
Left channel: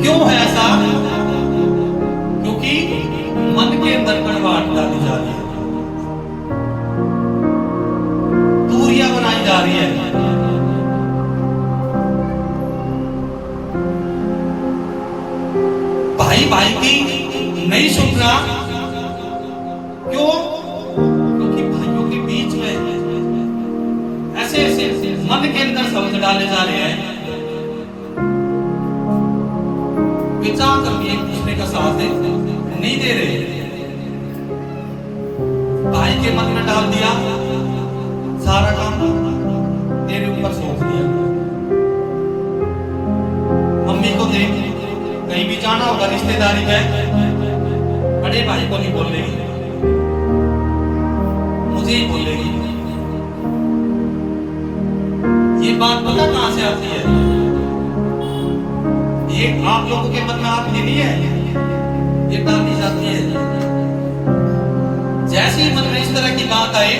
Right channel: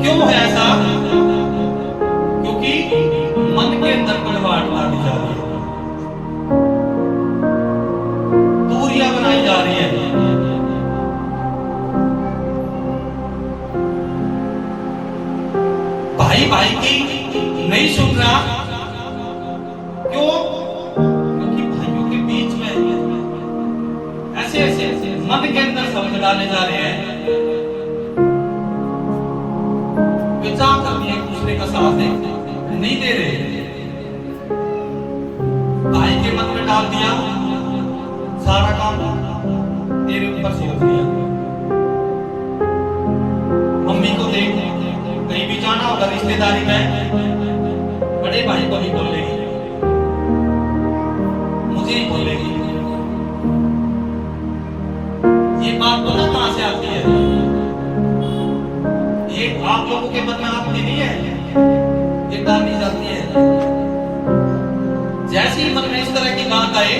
क्यों है ऐसा? क्योंकि मन के अंदर कड़वाहट डाली जा रही है, दूरियां बनाई जा रही है। भाई भाई की नहीं सुन रहा। क्यों? क्योंकि भाइयों के बीच में ऐसे ऐसे मन के अंदर शब्द डाले जा रहे हैं, विचार करके एक दूसरे का साथ नहीं दे रहे। भाई के मन में डाल दिया, सारा काम तेरे ऊपर सोच दिया। मम्मी को देख, कहीं भी जाना होगा रिश्तेदारी में, बड़े भाई को नहीं बोलेगी, मुझे ही बोलेगी। ये बात पता कहां से आती है? ये आप लोगों के मन में आती नहीं है, ये डाली जाती है। जैसे ही मन में इस तरह की बात आए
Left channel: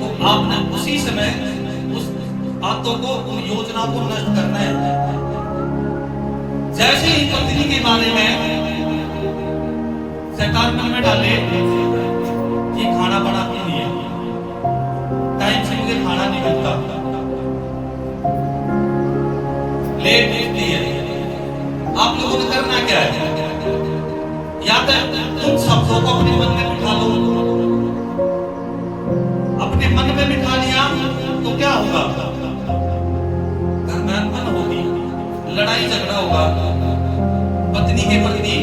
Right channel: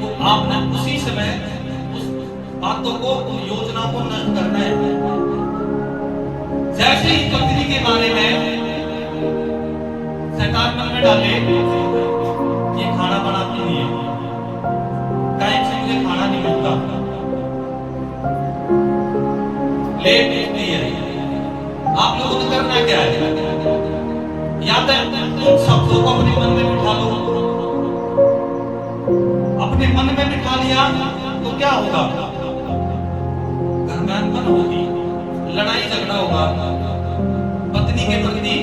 तो आपने उसी समय उस बातों को, उन योजनाओं को नष्ट करना है। जैसे ही पत्नी के बारे में शैतान मन में डाले, ये खाना बनाती नहीं है, टाइम से मुझे खाना नहीं मिलता, लेट उठती है। आप लोगों ने करना क्या है? या तो इन शब्दों को अपने मन में बिठा लो। अपने मन में बिठा लिया तो क्या होगा? घर में अनबन होगी, लड़ाई झगड़ा होगा, पत्नी के प्रति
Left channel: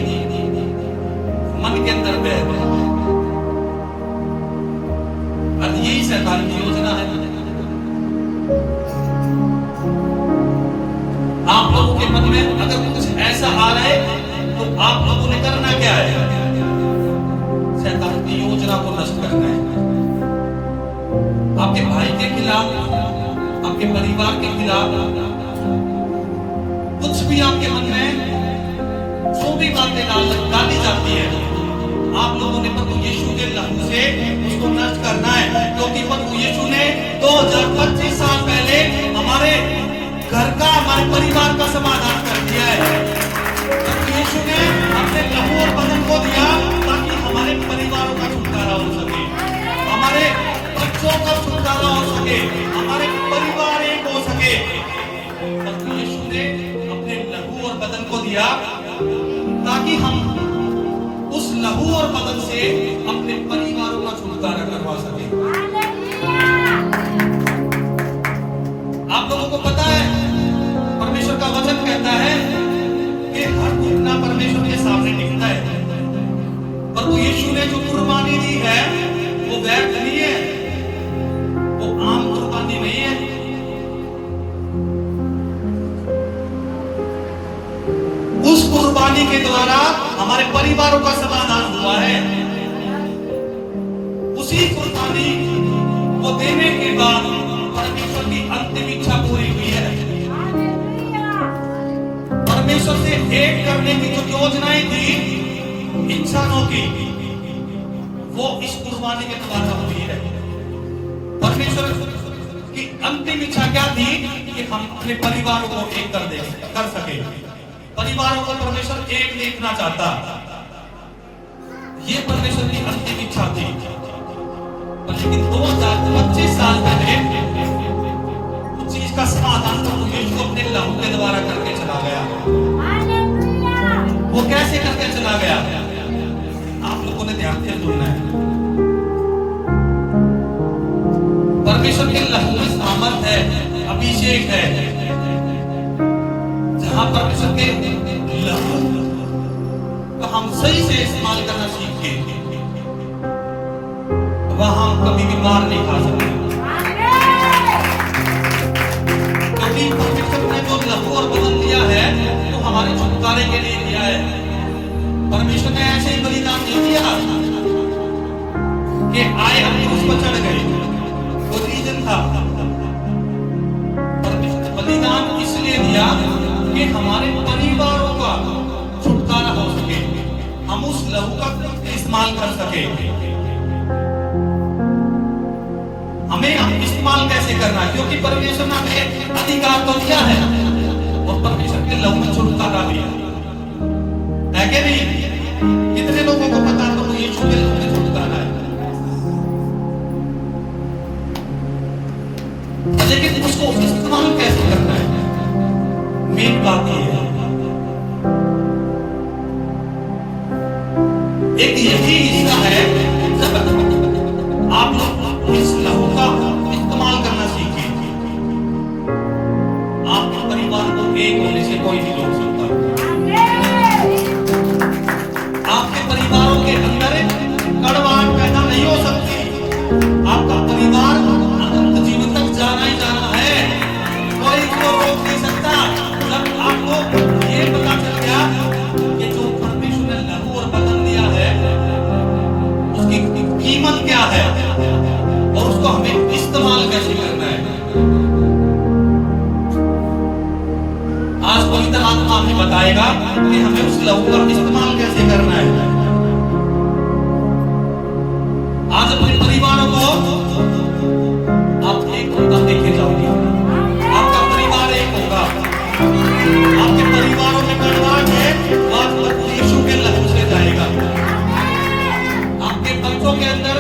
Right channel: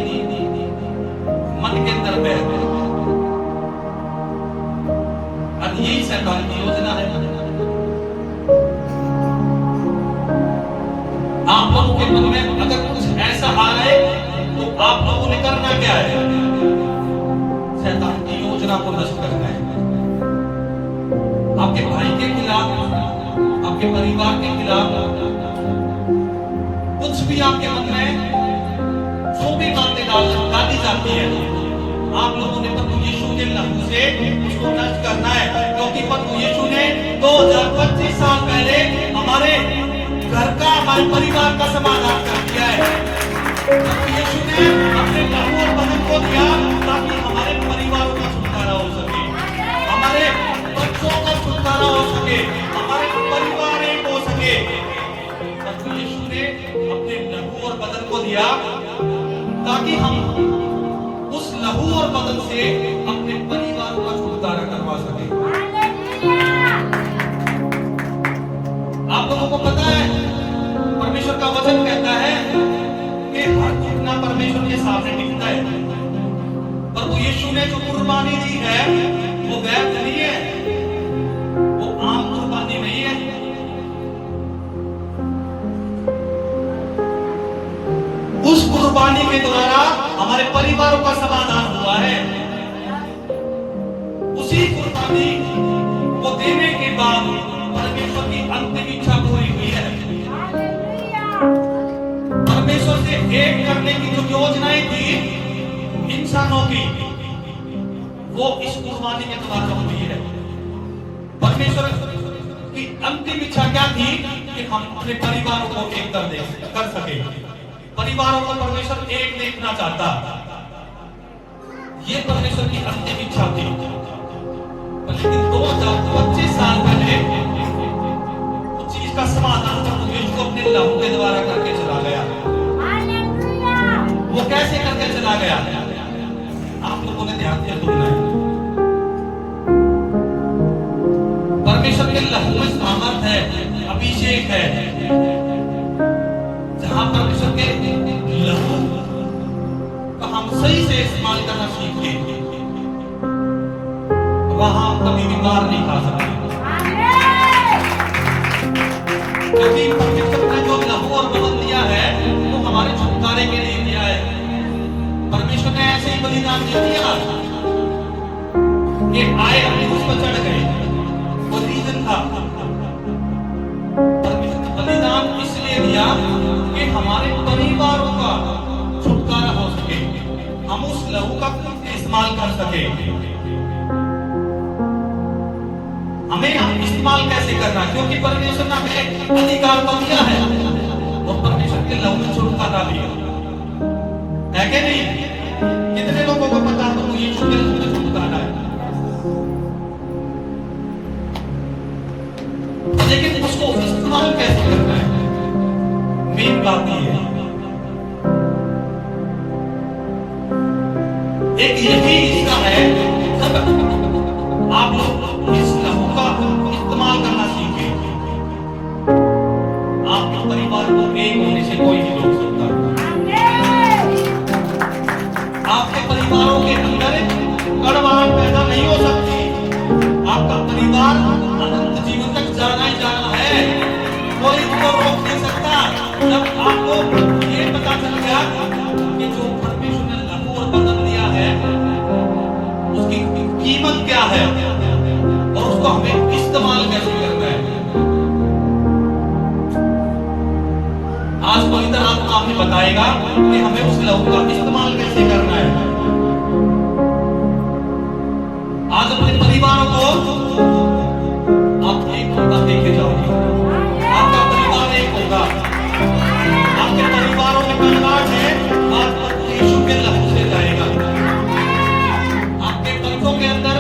मन के अंदर बैठ। अब यही शैतान की योजना है। आप लोगों के मन में अगर कुछ ऐसा आ रहा है तो आप लोगों ने करना क्या है? शैतान की योजना को नष्ट करना है। आपके भाई के खिलाफ, आपके परिवार के खिलाफ कुछ भी आपके मन में जो भी बातें डाली जाती है, आप लोगों ने प्रभु यीशु के लहू से उसको नष्ट करना है। क्योंकि प्रभु यीशु ने 2025 साल पहले हमारे घर का, हमारे परिवार का समाधान कर दिया है। प्रभु यीशु ने अपने लहू और बदन को दिया ताकि हमारे परिवारों का छुटकारा हो सके, हमारे बच्चों का छुटकारा हो सके, हमारे परिवार एक हो सके। प्रभु यीशु ने अपने लहू और बदन को दिया ताकि हम उस लहू और बदन से अपने परिवार का छुटकारा करवा सके। आप लोगों को पता है, परमेश्वर का वचन कहता है कि हर घुटना परमेश्वर के सामने टिकता है। प्रभु यीशु ने जो कुर्बानी दी है वो व्यर्थ नहीं है, वो आम कुर्बानी नहीं है। उस कुर्बानी के द्वारा हमारे परिवारों का समाधान हुआ है। उसी कुर्बानी को देने के बाद परमेश्वर की अंतिम इच्छा पूरी हुई है। परमेश्वर से एक करने की जो योजनाएं थी इंसानों की, वो इस कुर्बानी के द्वारा हुई है। परमेश्वर की अंतिम इच्छा क्या थी? कि हम अपने परिवारों को एक कर सके। परिवारों को परमेश्वर एक देखना चाहता, ये परमेश्वर की अंतिम इच्छा थी। लेकिन 2025 साल पहले उस चीज का समाधान प्रभु यीशु अपने लहू के द्वारा करके चला गया। वो कैसे करके चला गया? आप लोगों ने ध्यान से सुनना है। परमेश्वर के लहू में सामर्थ है, अभिषेक है। जहां परमेश्वर के लहू का हम सही से इस्तेमाल करना सीख के, वहां कभी भी मार नहीं खा सकते। क्योंकि परमेश्वर ने जो लहू और बदन दिया है वो हमारे छुटकारे के लिए दिया है। परमेश्वर ने ऐसे ही बलिदान नहीं दिया कि आए अपने उस पर चढ़ गए, वो रीजन था। परमेश्वर ने बलिदान इसलिए दिया कि हमारे परिवारों का छुटकारा हो सके, हम उस लहू का इस्तेमाल कर सके। हमें इस्तेमाल कैसे करना? क्योंकि परमेश्वर ने हमें अधिकार तो दिया है और परमेश्वर के लहू में छुटकारा दिया है कि नहीं? कितने लोगों को पता है तो यीशु के लहू में छुटकारा है? लेकिन उसको इस्तेमाल कैसे करना है? मेन बात ये है, एक यही हिस्सा है जब आप लोग इस लहू का इस्तेमाल करना सीखें, आपके परिवार को एक होने से कोई नहीं रोक सकता। आपके परिवारों के अंदर कड़वाहट पैदा नहीं हो सकती। आपका परिवार अनंत जीवन तक जाना ही जाना है, कोई उसको रोक नहीं सकता। जब आपको ये पता चल गया कि जो परमेश्वर ने लहू और बदन दिया है उसकी कीमत क्या है और उसको हमें इस्तेमाल कैसे करना है, आज पवित्र आत्मा हमें बताएगा कि हमें उस लहू का इस्तेमाल कैसे करना है। आज अपने परिवारों को आप एक होता देखे जाओगे, आपका परिवार एक होगा। आपके परिवारों में कड़वाहट है, आज प्रभु यीशु के लहू से जाएगा। आपके बच्चों के अंदर,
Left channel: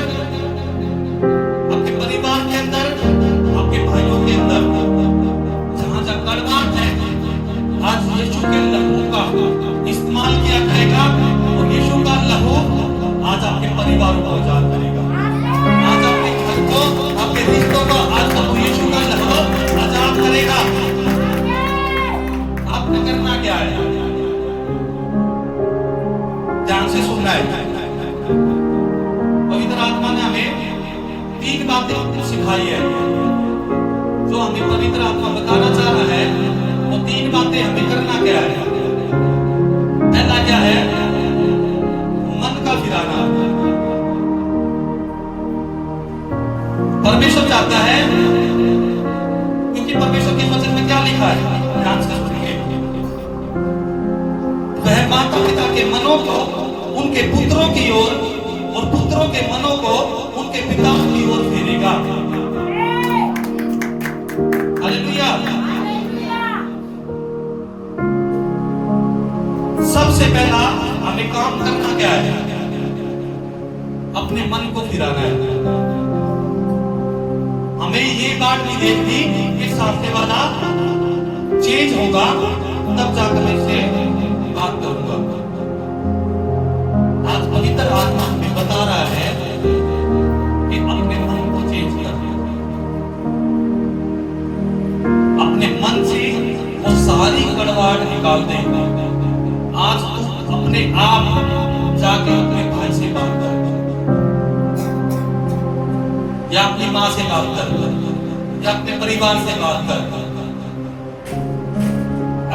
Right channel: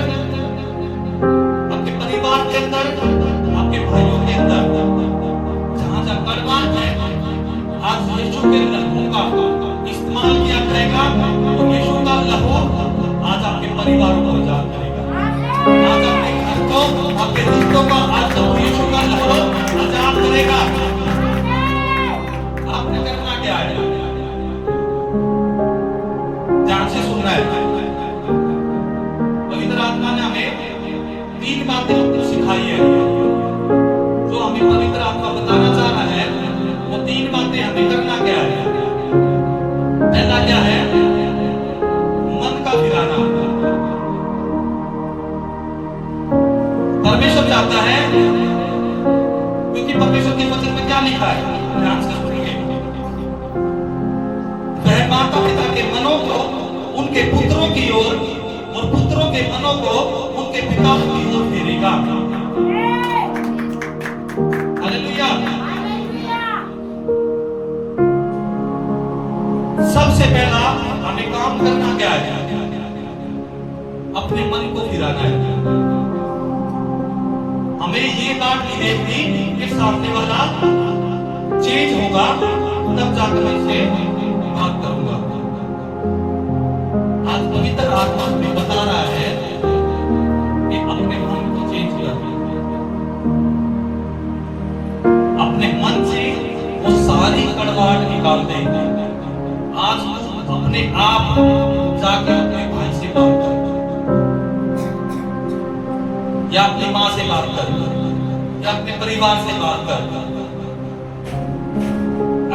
आपके परिवार के अंदर, आपके भाइयों के अंदर जहां जहां कड़वाहट है, आज यीशु के लहू का इस्तेमाल किया जाएगा और यीशु का लहू परिवारों को आजाद करेगा। आज आपके घर को, आपके रिश्तों को आज प्रभु यीशु का लहू आजाद करेगा। आपने करना क्या है? ध्यान से सुनना है। पवित्र आत्मा ने हमें 3 बातें सिखाई है। जो हमें पवित्र आत्मा बताना चाह रहा है वो 3 बातें हमें करना क्या है। पहला क्या है? मन का फिराना। परमेश्वर चाहता है, क्योंकि परमेश्वर के वचन में क्या लिखा है, ध्यान से सुनिए। वह माता पिता के मनों को उनके पुत्रों की ओर और पुत्रों के मनों को उनके पिता की ओर फेरेगा। हालेलुया। सबसे पहला हमें काम करना क्या है? अपने मन को फिराना है। हमें ये बात नहीं देखनी कि सामने वाला चेंज होगा तब जाकर मैं इससे बात करूंगा। आज पवित्र आत्मा हमें बता रहा है कि अपने मन को चेंज कर, अपने मन से वो सारी कड़वाहट निकाल दे। आज तुम अपने आप जाकर अपने भाई से बात कर, या अपनी माँ से बात कर, या अपने परिवार से बात कर।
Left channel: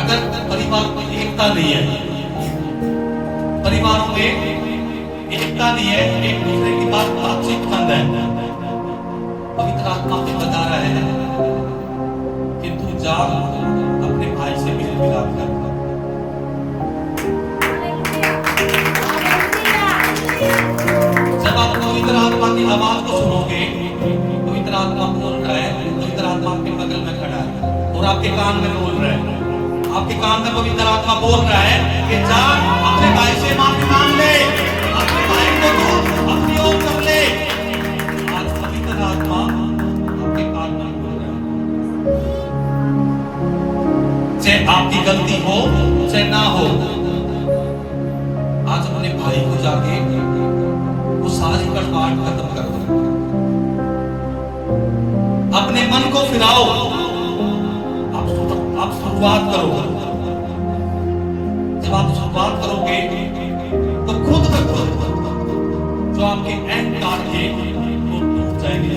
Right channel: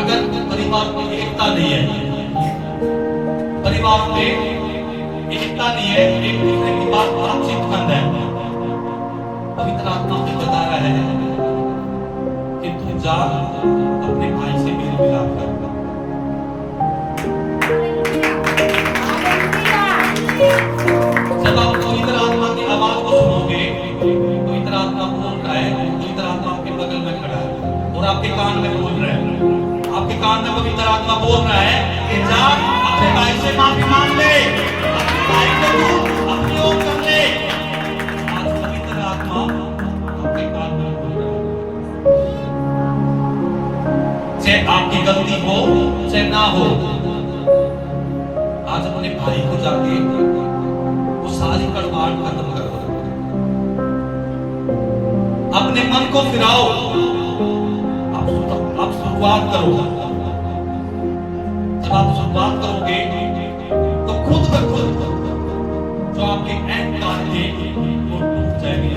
अगर परिवार में एकता नहीं है, परिवारों में एकता नहीं है, एक दूसरे की बातचीत बंद है, पवित्र आत्मा हमें बता रहा है कि तू जा अपने भाई से मेल मिलाप कर। जब आप पवित्र आत्मा की आवाज को सुनोगे, पवित्र आत्मा बोल रहा है, पवित्र आत्मा आपके बगल में खड़ा है और आपके कान में बोल रहा है, आपके कान में पवित्र आत्मा बोल रहा है कि जा अपने भाई से माफी मांग ले, अपने भाई को तू अपनी ओर कर ले। आज पवित्र आत्मा आपके कान में बोल रहा है, चाहे आपकी गलती हो चाहे ना हो, आज अपने भाई को जाके वो सारी कड़वाहट खत्म कर दो। अपने मन को फिराओ। आप शुरुआत करो। जब आप शुरुआत करोगे तो खुद ब खुद जो आपके अहंकार थे वो टूट जाएंगे।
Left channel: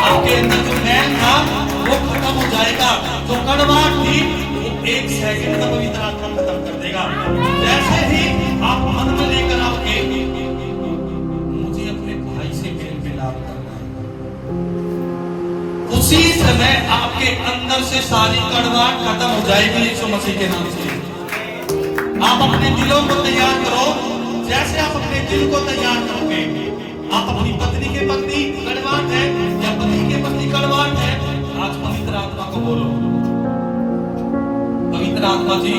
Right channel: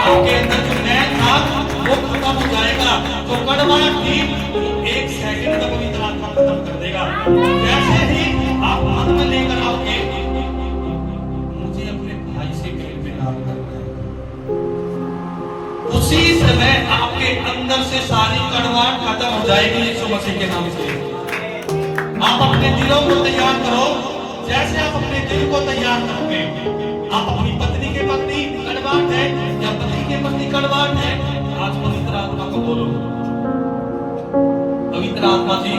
आपके अंदर जो अहम था वो खत्म हो जाएगा। जो कड़वाहट थी वो 1 सेकंड में पवित्र आत्मा खत्म कर देगा। जैसे ही आप मन में लेकर आओगे मुझे अपने भाई से मेल मिलाप करना है, उसी समय आपके अंदर से सारी कड़वाहट खत्म हो जाएगी यीशु मसीह के नाम से। आप अपने दिलों को तैयार करो। जैसे आप अपने दिल को तैयार करोगे, आप अपनी पत्नी के पत्नी कड़वाहट है या पति के पत्नी कड़वाहट है, आज पवित्र आत्मा को बोलो। पवित्र आत्मा जी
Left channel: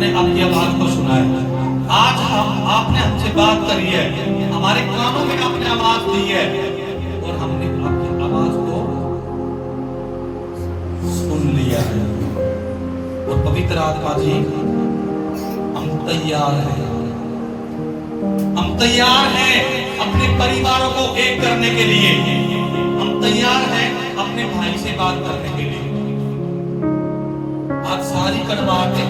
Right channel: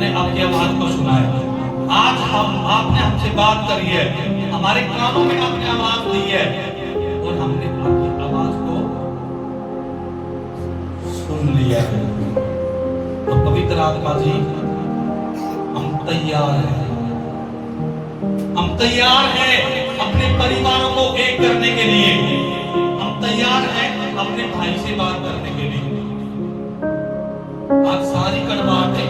ने आपकी आवाज को सुना है। आज आपने हमसे बात करी है, हमारे कानों में आपने आवाज दी है और हमने आपकी आवाज को सुन लिया है। और पवित्र आत्मा जी हम तैयार हैं, हम तैयार हैं अपने परिवारों को एक करने के लिए, हम तैयार हैं अपने भाई से बात करने के लिए। आज सारी कड़वाहटें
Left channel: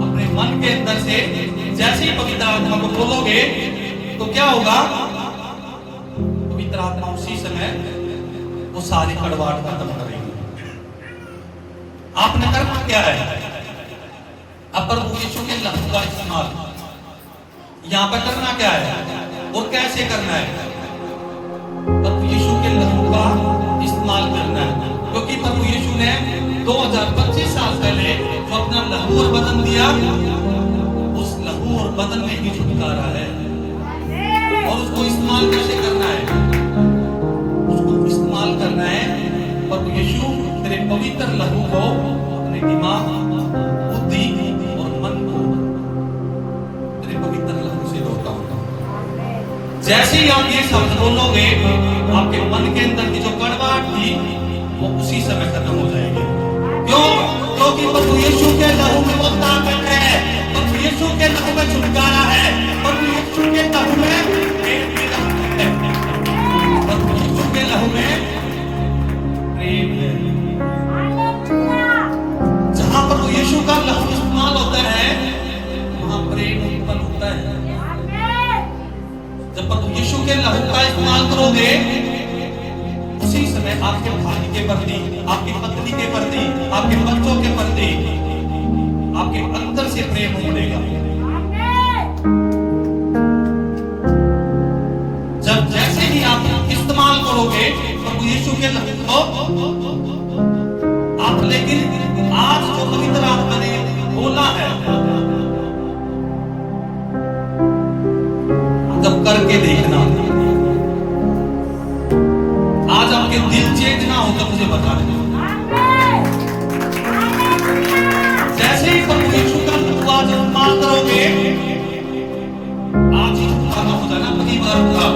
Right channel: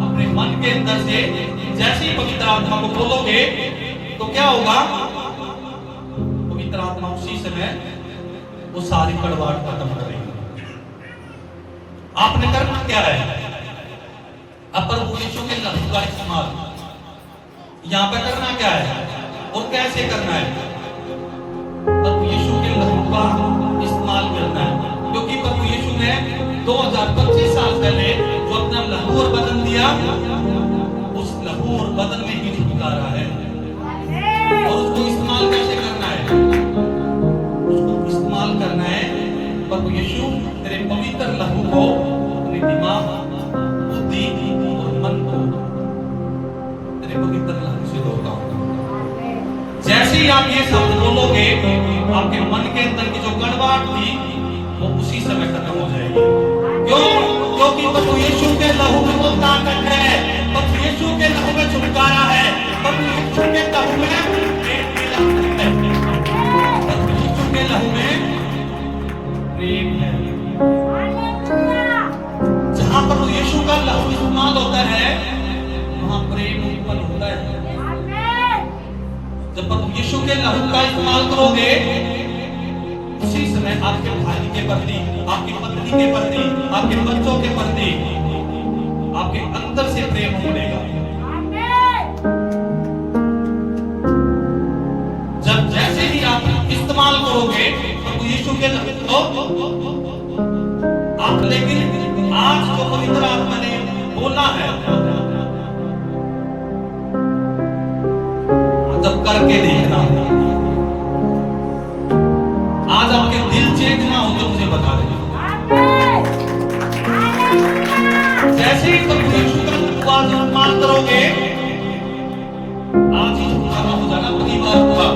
अपने मन के अंदर से जैसे ही पवित्र आत्मा को बोलोगे तो क्या होगा? पवित्र आत्मा उसी समय वो सारी कड़वाहट खत्म करेगी। आपने करना क्या है? अब प्रभु यीशु के लहू का इस्तेमाल यहाँ पे करना क्या है और कैसे करना है? प्रभु यीशु के लहू का इस्तेमाल करना है, क्योंकि प्रभु यीशु ने 2025 साल पहले जो अपना लहू और बदन दिया, उस लहू और बदन में ही छुटकारा है। और उसको इस्तेमाल कैसे करना है? उसको इस्तेमाल करना है प्रभु यीशु तेरे पवित्र लहू को अपने दिमाग, बुद्धि और मन को तेरे पवित्र लहू से धोता होगा। जैसे ही आप ये शब्द बोलोगे, आपके मन के अंदर की जो कड़वाहट थी वो उसी समय खत्म हो जाएगी। क्यों? क्योंकि प्रभु यीशु के लहू में वो ताकत है, प्रभु यीशु के लहू में छुटकारा है, प्रभु यीशु के लहू में प्रेम है। जहां प्रभु यीशु का लहू इस्तेमाल होता है वहां प्रेम उत्पन्न होता है। जब प्रभु यीशु के लहू का इस्तेमाल करोगे उसी समय आपके भाई के प्रति, आपकी पत्नी के प्रति, आपके बच्चों के प्रति आपके अंदर से प्रेम उमड़ेगा। जब जैसे ही आप इस्तेमाल करोगे प्रभु यीशु के लहू को आप, लेकिन आज जो पवित्र आत्मा ने बोला है जब करके देखना, आज आपके दिल चेंज ना हो तो मुझे बता देना। जैसे ही प्रभु यीशु का आज इस्तेमाल करोगे आज ही छुटकारा हो जाना परिवार का।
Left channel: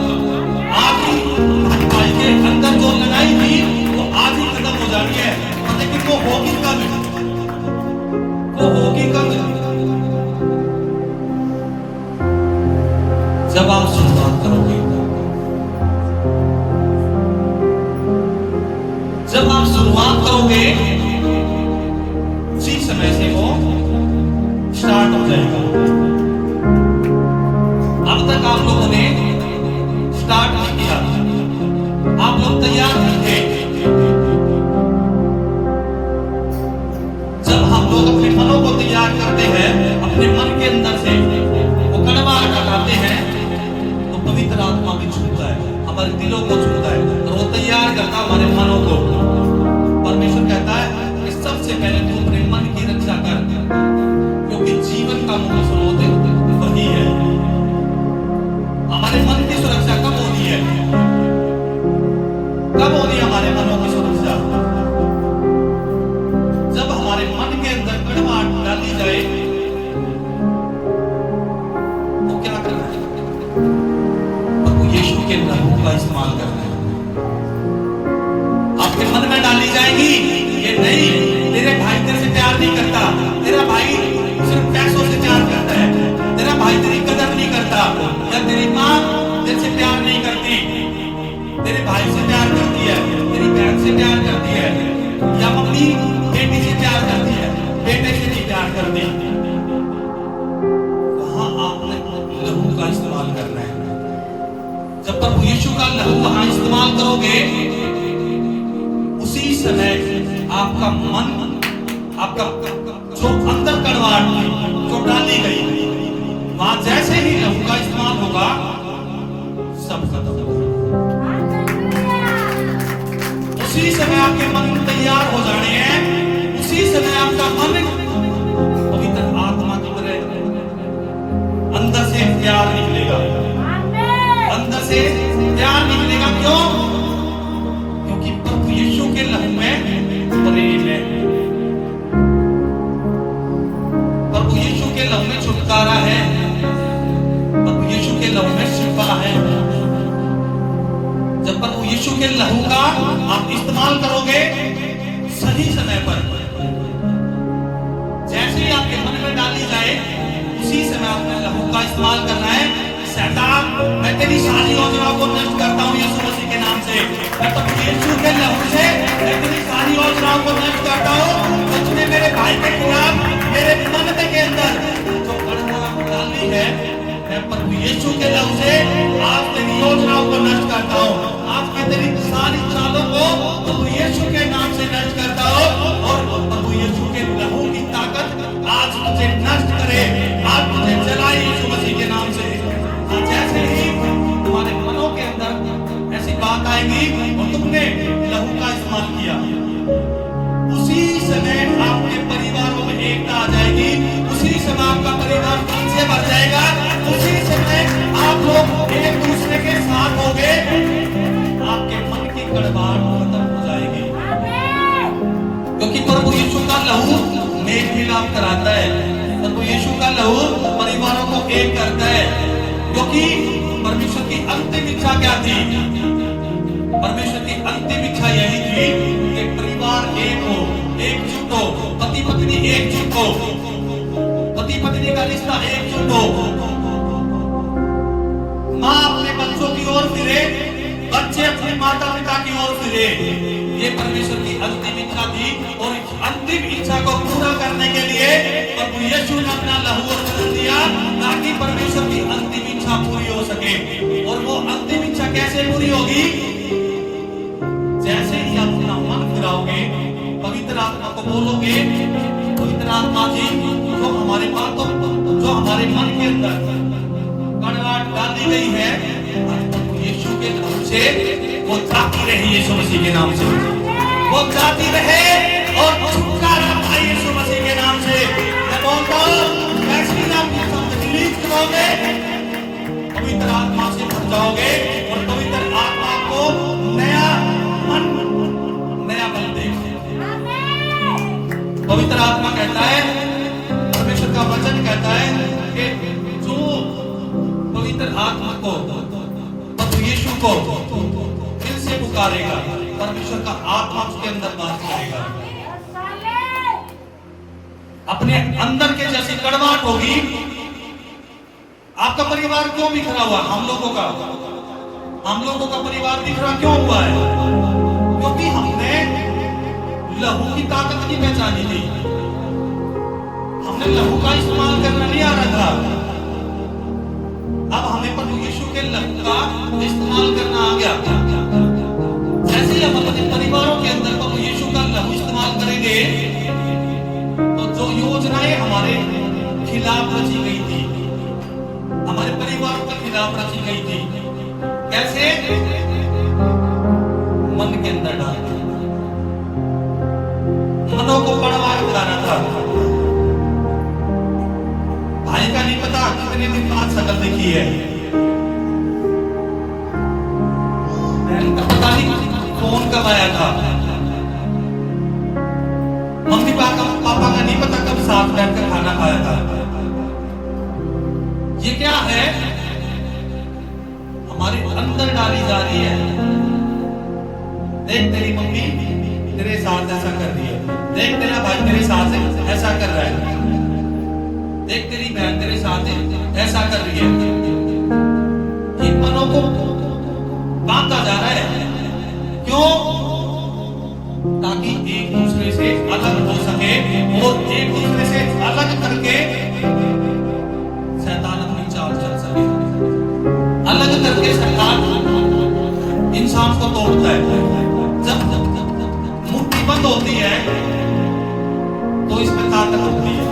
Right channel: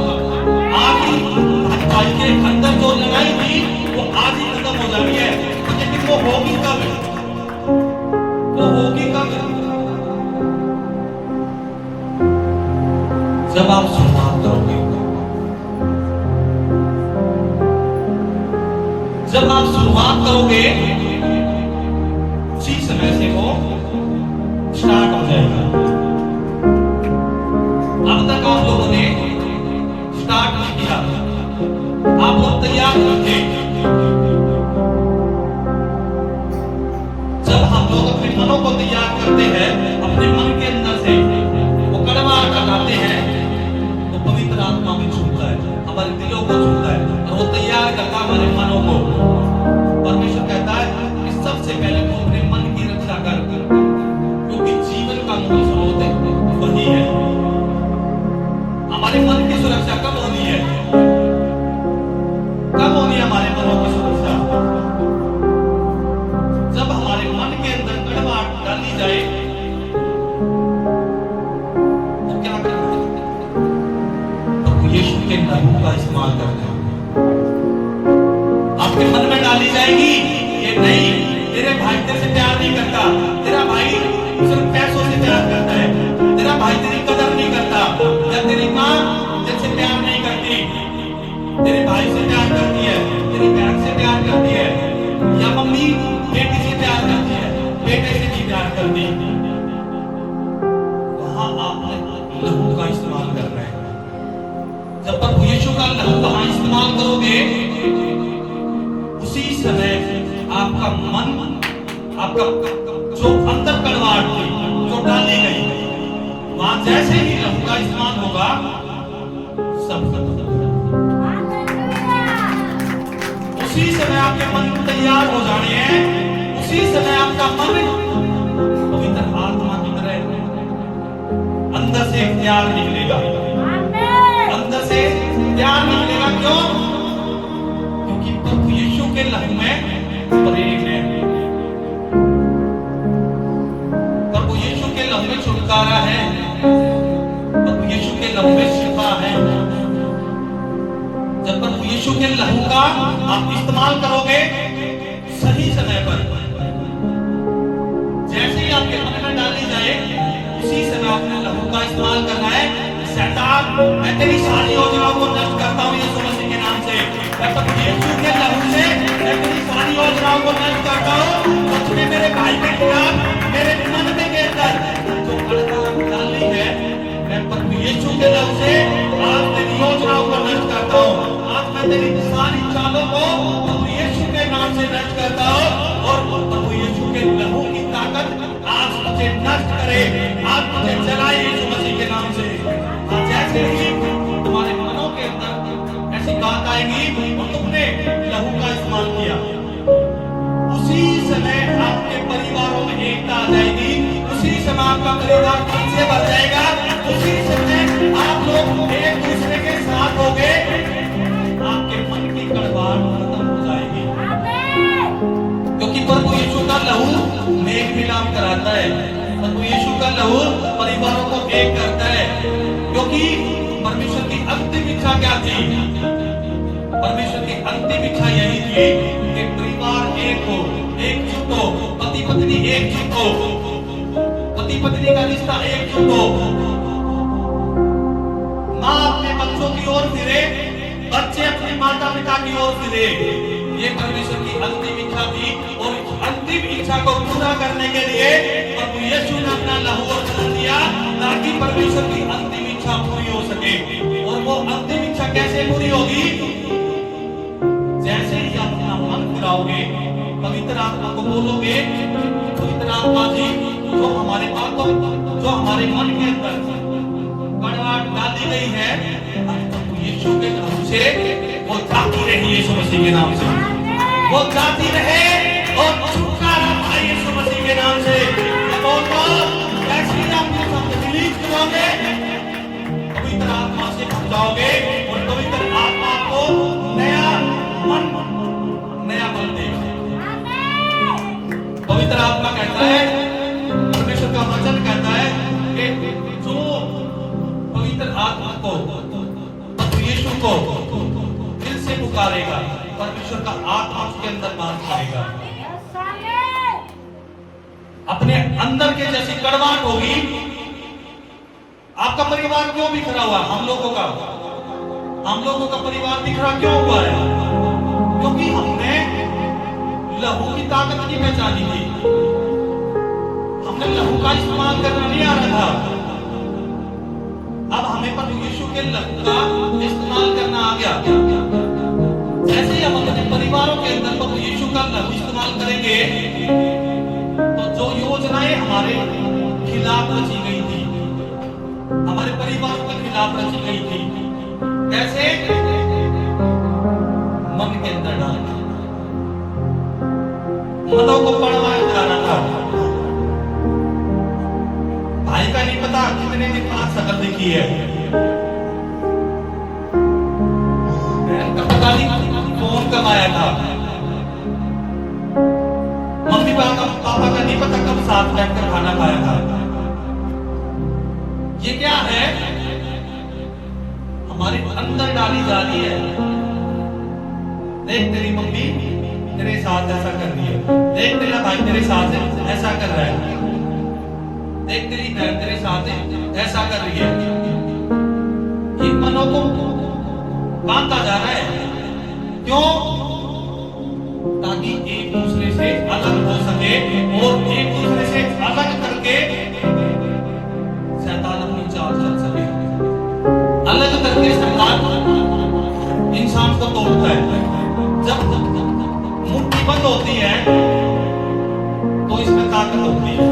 आज ही भाई के अंदर जो लड़ाई थी वो आज ही खत्म हो जानी है, लेकिन वो होगी कब? वो होगी कब? जब आप शुरुआत करोगे। जब आप शुरुआत करोगे उसी समय से वो स्टार्ट हो जाएगा। अब तक आप लोगों ने स्टार्ट नहीं किया, आप लोग तैयार नहीं थे। जब हम लोग अपने मनों को तैयार करते हैं, अपने मन के अंदर से वो कड़वा हटाते हैं, तो पवित्र आत्मा भी छूता है, हमारे दिलों को छूता है और वो तैयार करता हमारे मनों को। परमेश्वर कहता है कि सबसे पहले तू अपने मन की रक्षा कर, क्योंकि जीवन का मूल स्रोत वही है। हमारे मन की सुरक्षा कब होनी है? कब होनी है हमारे मनों की सुरक्षा? जब हमारे मन के अंदर कड़वाहट डाली जाए तो क्या करना है? प्रभु यीशु के लहू का इस्तेमाल करना है। आपके मन में डाली जाएगी ये नहीं, तेरे भाई तेरे से प्यार नहीं करता, तेरा भाई सिर्फ पैसों से प्यार करता है, तेरा भाई तेरी कदर नहीं करता, या तेरी माँ तेरे से प्यार नहीं करती, तेरे भाई से प्यार करती है, तेरी बहन से प्यार करती है, या मम्मी बेटी से प्यार करती है, बेटे से नहीं प्यार करती। वहां आपने लहू का इस्तेमाल करना है। जब प्रभु यीशु का लहू वहां इस्तेमाल करोगे उसी समय आपका मन, आपका जो अंदर कड़वाहट थी जो डाली गई, वहां जैसे ही लहू का इस्तेमाल होगा सब खत्म हो जाएगा। उसी समय आपके मन तैयार हो जाने हैं, उसी समय आपका मन पवित्र आत्मा की तरह अंदर से प्यार निकलेगा, अंदर से प्यार निकलेगा। क्यों? क्योंकि प्रभु यीशु के लहू में प्रेम है। प्रभु यीशु के लहू में छुटकारा है, प्रभु यीशु के लहू में शिफा है। जब प्रभु यीशु के लहू का आप इस्तेमाल करोगे सही समय पर, जैसे ही आपके मन में डाली जाए उसी समय आपने लहू का इस्तेमाल करना है। शैतान, मैं तेरी सारी योजनाओं को नष्ट करता हूं यीशु मसीह के नाम से। मैं प्रभु यीशु के लहू से मैं तेरी सारी योजनाओं को नष्ट करता हूं। सच में मेरे भाई के खिलाफ मेरे मन के अंदर जो कड़वाहट डाली है, मैं प्रभु यीशु के लहू से आज तेरी योजनाओं को नष्ट करता हूं। आज मैं तेरी सारी चालों को प्रभु यीशु के नाम से नष्ट करता हूं और प्रभु यीशु के लहू की ताकत आज तुझे नष्ट करे, आज तुझे जलाए यीशु मसीह के नाम से। जैसे ही तुम्हारे मनों के अंदर ऐसी बात आएगी और तुमने लहू का इस्तेमाल किया, उसी समय आपके परिवारों में एकता आ जाएगी, उसी समय आपका परिवार धन से भर जाएगा, उसी समय आप लोग एक दूसरे के साथ होंगे, आपके मन की कड़वाहट खत्म हो जाएगी। क्योंकि प्रभु यीशु का लहू मेल मिलाप कराता है, प्रभु यीशु का लहू परिवारों को एक करता है। क्योंकि परमेश्वर की अंतिम इच्छा क्या थी? परमेश्वर की अंतिम इच्छा यही थी कि परिवार एक हो, एकजुट हो, पति पत्नी एकजुट हो, पति पत्नी का रिश्ता एकजुट हो, माँ अपने बच्चों की ओर फिरे, बच्चे अपनी माता पिता की ओर फिरे। ये परमेश्वर की अंतिम इच्छा थी और इस अंतिम इच्छा को पूरा करने के लिए प्रभु यीशु ने अपना लहू और बदल दिया ताकि परमेश्वर की अंतिम इच्छा पूरी हो सके। और वो अंतिम इच्छा कैसे पूरी होगी? जैसे ही आप अपना मन फिराओगे, पवित्र आत्मा को बोलोगे, पवित्र आत्मा जी जो हमारे बातों, जो हमारे मन के अंदर कड़वाहट डाली गई है, यीशु के नाम से वो जाती रहे, यीशु मसीह के नाम से वो जाती रहे और छुटकारा पाए यीशु मसीह के नाम से। करोगे, पवित्र आत्मा से भर जाओगे और पवित्र आत्मा को नया मन, नया बल देगा। पवित्र आत्मा कहता है, परमेश्वर का वचन कहता है कि जो पवित्र आत्मा को, प्रभु यीशु को दिल से पुकारेगा, परमेश्वर का आत्मा उसके अंदर बात करेगा। अपने अंदर के जैसी कड़वाहट होगी। आपका परिवार क्यों बिखरा हुआ? हम लोगों का परिवार बिखरा क्यों हुआ है? क्योंकि हमने लहू की ताकत नहीं पहचानी थी, हमने लहू का इस्तेमाल करना नहीं आ रहा था। अब हमें प्रभु यीशु के लहू का इस्तेमाल करना आ गया। जैसे ही हम अपने परिवारों के अंदर प्रभु यीशु का लहू इस्तेमाल करेंगे तो जो योजनाएं हमारे खिलाफ रची गई थी, हमारे परिवार के खिलाफ रची गई थी, कैसे? मन के अंदर डाल मनों को पड़वाया जा रहा था। भाई का नहीं पता कितने दिन बाद शकल देखी है, बहन का पता नहीं कौन कब आया था, मम्मी पापा का नहीं पता कब साथ बैठकर खाना खाया था। ये क्या है? हमारे अंदर डाली जा रही है। देख तेरी मम्मी तेरे साथ ऐसा कर रही है, देख तेरा भाई तेरे साथ ऐसा कर रहा है, देख तेरी बहन तेरे साथ ऐसा कर रही है। इन मनों को बांधा जा रहा है। क्यों? ताकि एक दूसरे से अलग हो सके और एक दूसरे से अलग करके शैतान अपनी चाल चल सके। अलग करके शैतान इंसान को तोड़ता है। जब मुट्ठी बंद होती है तो इसमें ताकत होती है।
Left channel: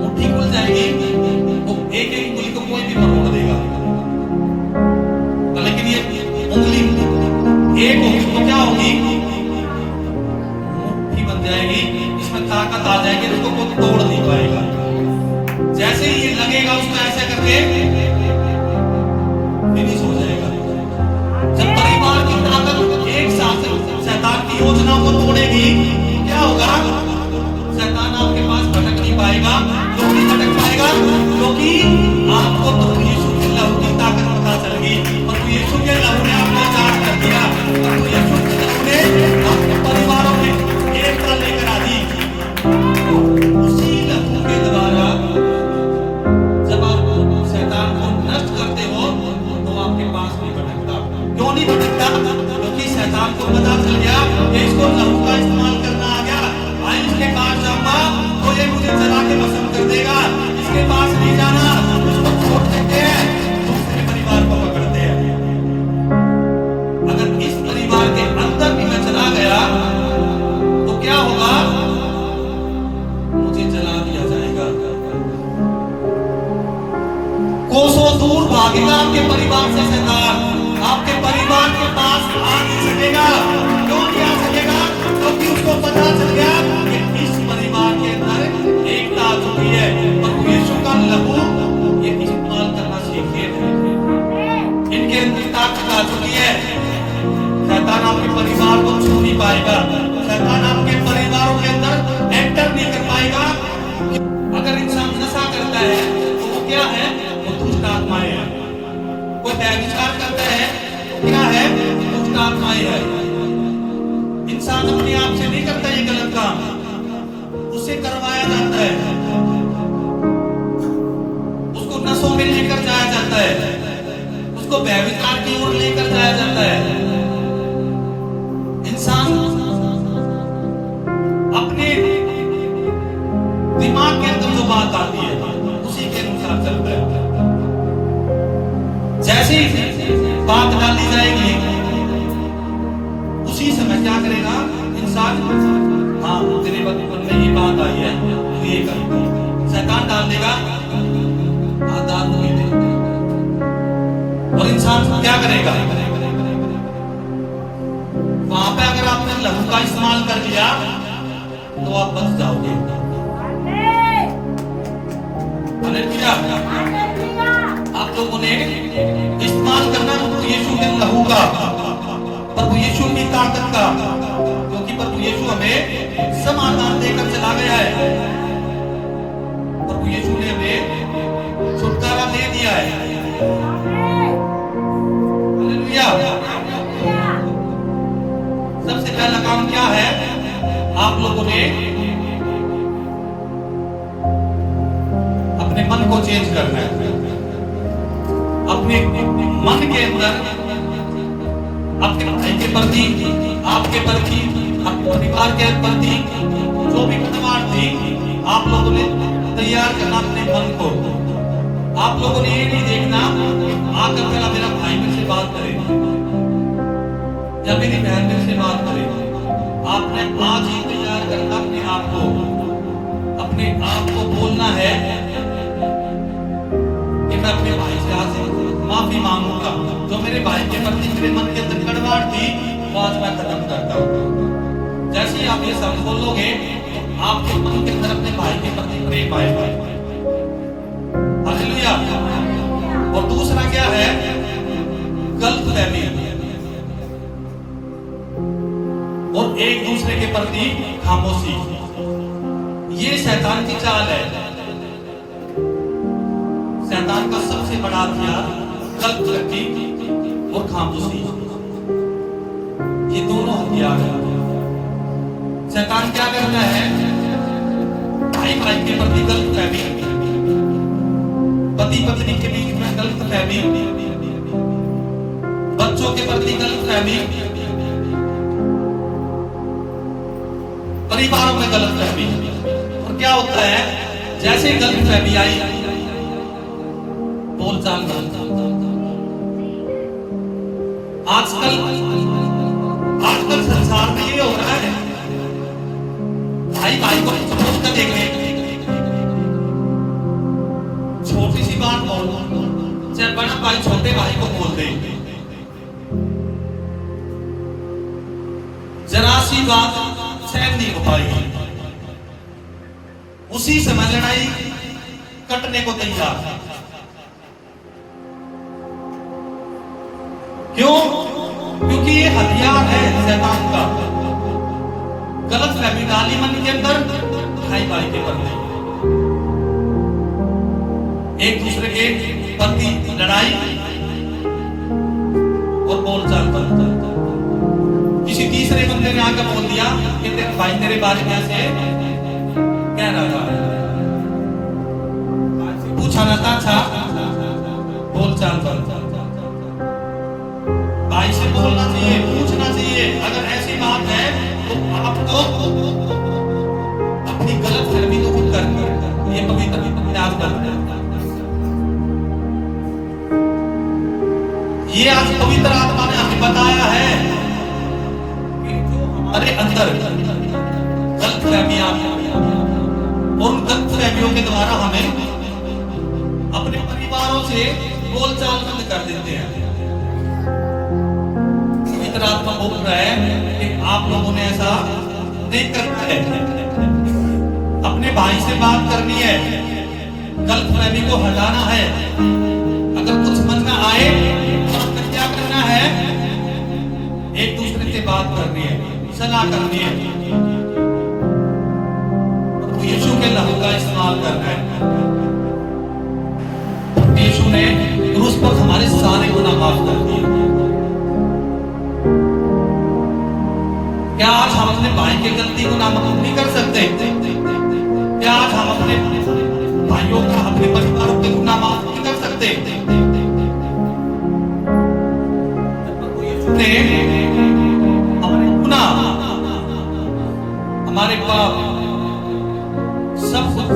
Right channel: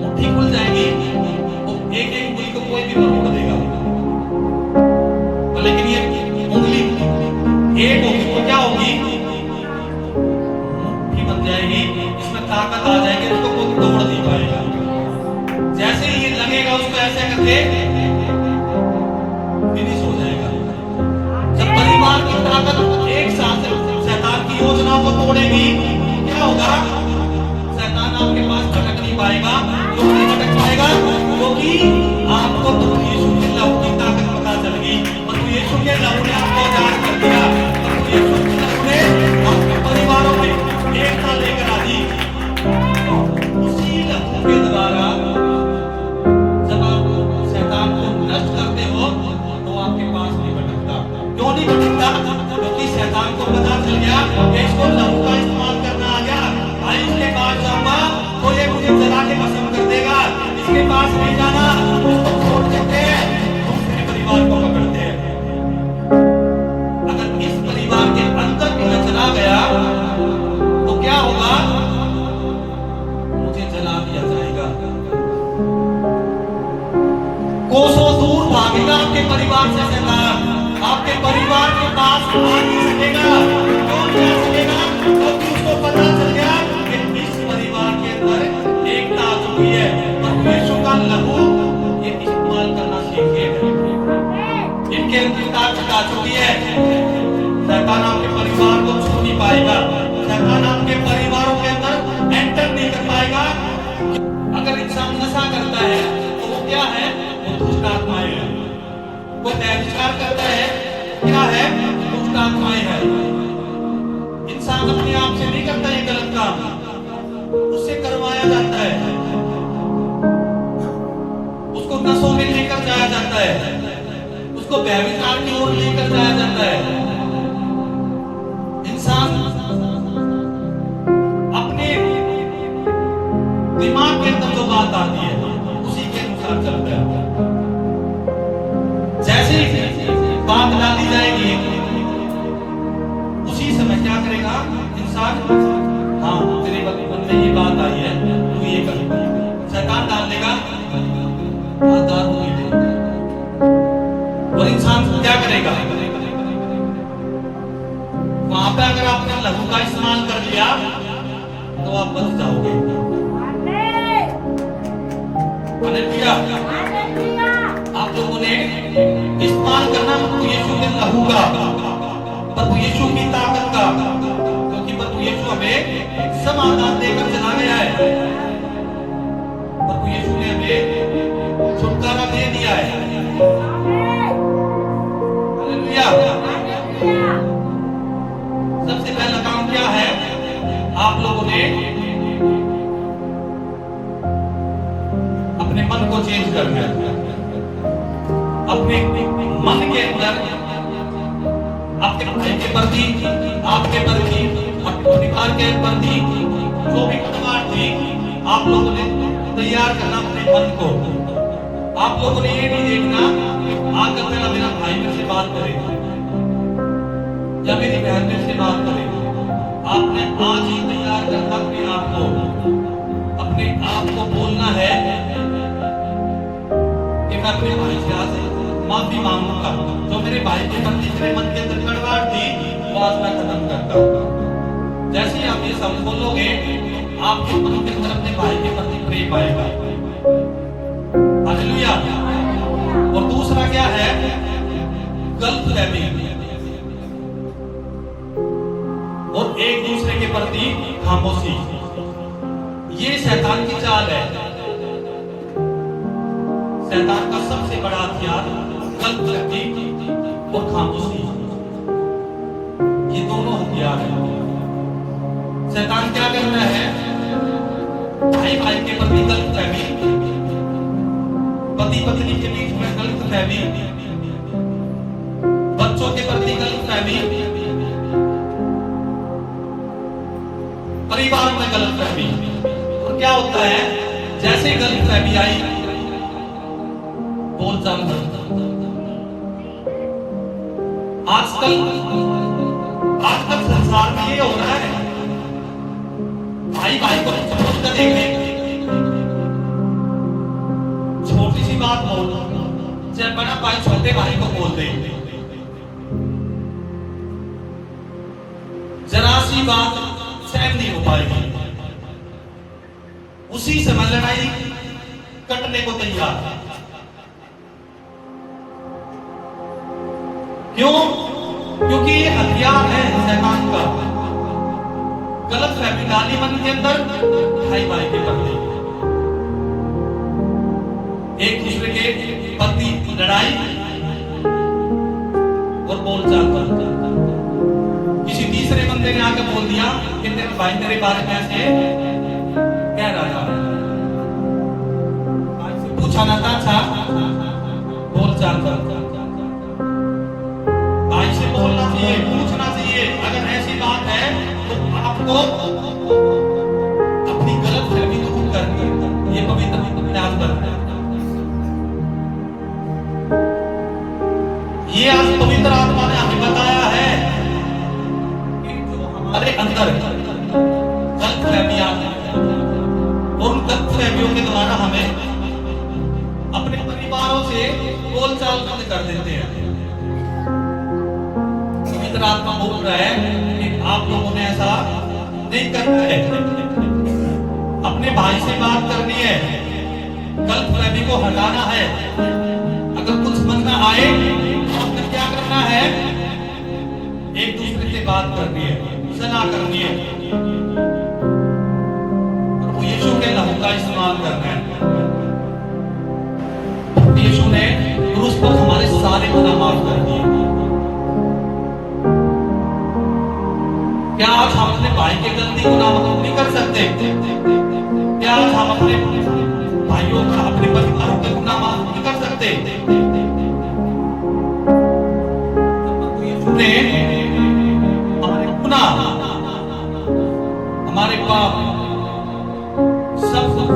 मुट्ठी खुल जाएगी तो एक एक उंगली को कोई भी मरोड़ देगा, लेकिन ये उंगली एक होगी तो क्या होगी? मुट्ठी बन जाएगी, इसमें ताकत आ जाएगी, उसको कोई तोड़ नहीं पाएगा। जैसे ही ये लगेगा उसको ऐसे करके फिनिश हो जाएगा। जब परिवार की ताकत एक साथ शैतान की योजना को तोड़ेगी, क्या होगा? शैतान आपके पास भटक नहीं पाएगा। क्यों नहीं भटक पाएगा? क्योंकि आपको प्रभु यीशु के लहू की ताकत पता चल गई। प्रभु यीशु के लहू ने आपको आजाद कर दिया। प्रभु यीशु के लहू ने आपके परिवारों की एकता लेकर आ दी। उसी लहू के द्वारा जब आप शैतान को नष्ट करते हो तो आपके पास नहीं भटकता। क्यों नहीं भटकता? क्योंकि शैतान को पता चल गया कि इसको लहू का इस्तेमाल करना आ गया। भाई इसके पास जाऊंगा तो ये मुझे जला के भस्म कर देगा, इसके पास नहीं जाना, उसको छोड़ देते हैं, दूसरे परिवार को पकड़ते हैं। अगर इस परिवार के अंदर भी मैं चला गया तो क्या होगा? मुझे जला दिया जाएगा। कोसों दूर भागेगा आपके परिवार से शैतान, आपके परिवार के पास आ नहीं सकेगा। क्यों नहीं आ सकेगा? क्योंकि उसको पता चल गया कि इस परिवार के अंदर एकता आ चुकी है। प्रभु यीशु का लहू ये इस्तेमाल करना सीखिए। इनके अंदर ताकत आ चुकी है। शैतान आपके परिवार को छू नहीं पाएगा। शैतान आपके परिवारों के अंदर एंटर नहीं कर पाएगा। अगर इंसान नशा करता है तो वो क्या है? वो दुष्ट आत्माएं है। वो व्यभिचार करता है, क्या है? दुष्ट आत्माएं है। इंसान अपने आप से नहीं करता ये गलत काम, उससे करवाया जाता है, उसको नशों में लेकर जाया जाता है, उसको व्यभिचार की ओर लेकर जाया जाता है। जैसे ही बात डाली जाएगी उसी समय क्या करेगा इंसान, हाँ तेरे मन में ये बात आई है तू ये कर, शैतान डाल देगा दारू पीते, और इंसान क्या करेगा, वहां पे अगर आपने लहू का इस्तेमाल कर लिया तो आप बच जाओगे। हालेलुया। आप लोगों ने इस्तेमाल करना प्रभु यीशु के लहू का, प्रभु यीशु की ताकत का, क्योंकि प्रभु यीशु हमें समाधान देकर चला गया है। प्रभु यीशु ने हमें छुटकारा दे दिया है। हालेलुया। सबसे पहला काम क्या है, आप लोगों ने अपने मन को चेंज करना है। अपने मन के अंदर आपके भाई के प्रति, आपके प्रति, आपके परिवार के प्रति जो भी खटमाट थी, आप लोगों ने तैयार करना अपने मन को। आप लोगों ने ये नहीं देखना आकर पहला मेरा भाई मेरे से बात करे या मेरी बहन मेरे से बात करे। आपने आज ही तैयार करना अपने आप को, अपने आप को बोलना है कि मैं अपने भाई से आज माफी मांगूंगा। जो मेरे भाई के प्रति मेरे मन के अंदर गड़बड़ थी वो आज मैं खत्म करता हूँ। जैसे ही आप ये शब्द बोलोगे आपके मन के अंदर अपने भाई के प्रति प्रेम आएगा। हालेलुया। और दूसरा क्या है, गलतफहमी और एक दूसरे के प्रति खामोशी। ये शैतान की चाल है। शैतान का सबसे बड़ा हथियार गलतफहमी और खामोशी, ये दोनों हथियार हैं। शैतान क्या करता है, भाई भाई के प्रति गलतफहमी, पति पत्नी के बीच में गलतफहमी, बच्चों के प्रति गलतफहमी, परिवारों में गलतफहमी। और क्या होता है, जैसे ही गलतफहमी आई बोलचाल बनता। आजकल संसार में ये हो रहा है, भाई भाई को समझ कर देंगे, छोटी सी बात बोल, जब बड़ा भाई छोटे भाई को बोल दे, जरा सी बात सहन नहीं हो पाएगी, उसी समय लड़ाई कटने को तैयार। क्यों? क्योंकि ये हथियार है शैतान का। गलतफहमी डाली मन के अंदर, भाई भाई के प्रति, एक दूसरे के प्रति लड़ाई और बोलचाल बनता। किसी तीसरे बंदे ने आकर बोल दिया कि तेरे भाई तेरे बारे में ऐसे कह रहा था, पूछा ना था, अच्छा बोलचाल बनता। भाई से बोलना चाहिए, पूछना चाहिए। अगर ऐसी बात है तो आपको अपनी गलतफहमी तो दूर करनी है। ये पवित्र प्रयास करते हैं। ये आज पवित्र आत्मा ने हमें बताया है कि जो हमारे अंदर गलतफहमियां और उन गलतफहमियों के द्वारा हमें अपने परिवारों से बोलचाल बंद कर देते हैं। पवित्र आत्मा बोल रहा है कि आप लोगों ने ऐसा नहीं करना है। अपने भाई से बात करनी है, गलतफहमी को हटाना है। अगर कुछ समझ में आए तो क्या करना है, एक दूसरे से बात करनी है, सलाह करनी है, यीशु के लहू का इस्तेमाल करना है। यीशु ने क्रूस पर हमारे सारे गुनाह माफ कर दिए। क्या आज हम अपने भाई के गलती को माफ नहीं कर सकते? क्या आज हम अपने भाइयों का, अपने परिवारों के गुनाह माफ नहीं कर सकते? यीशु ने हमारे गुनाह, हमारे पाप सब कुछ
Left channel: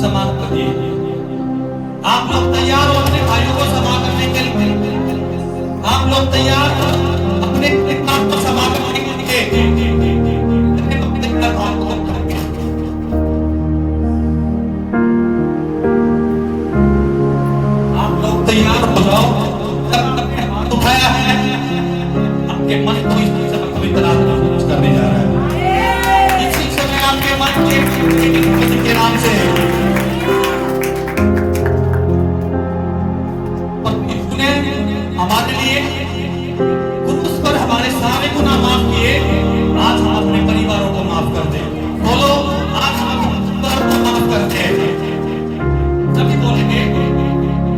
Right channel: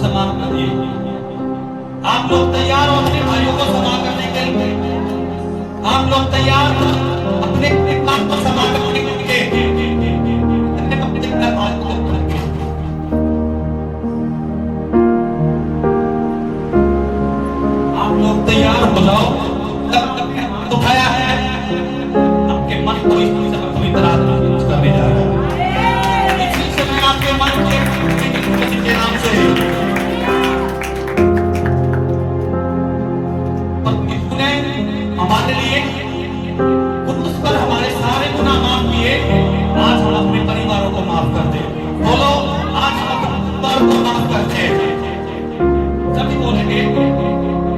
समान कर दिए। आप लोग तैयार हो अपने भाइयों को क्षमा करने आप लोग तैयार अपने काम को समाप्त करने के आप लोग तैयार हो जाओ। उठाया है आपके मन को इस पवित्र आत्मा करने जा रहा है। इसी समय आपके मन के नाम से हमारे लिए उस पर हमारे सारे गुनाह माफ किए। आज हम अपने परिवारों को माफ कर दे। बोलो आज हम अपने परिवारों को माफ करते हैं। सभी बोलेंगे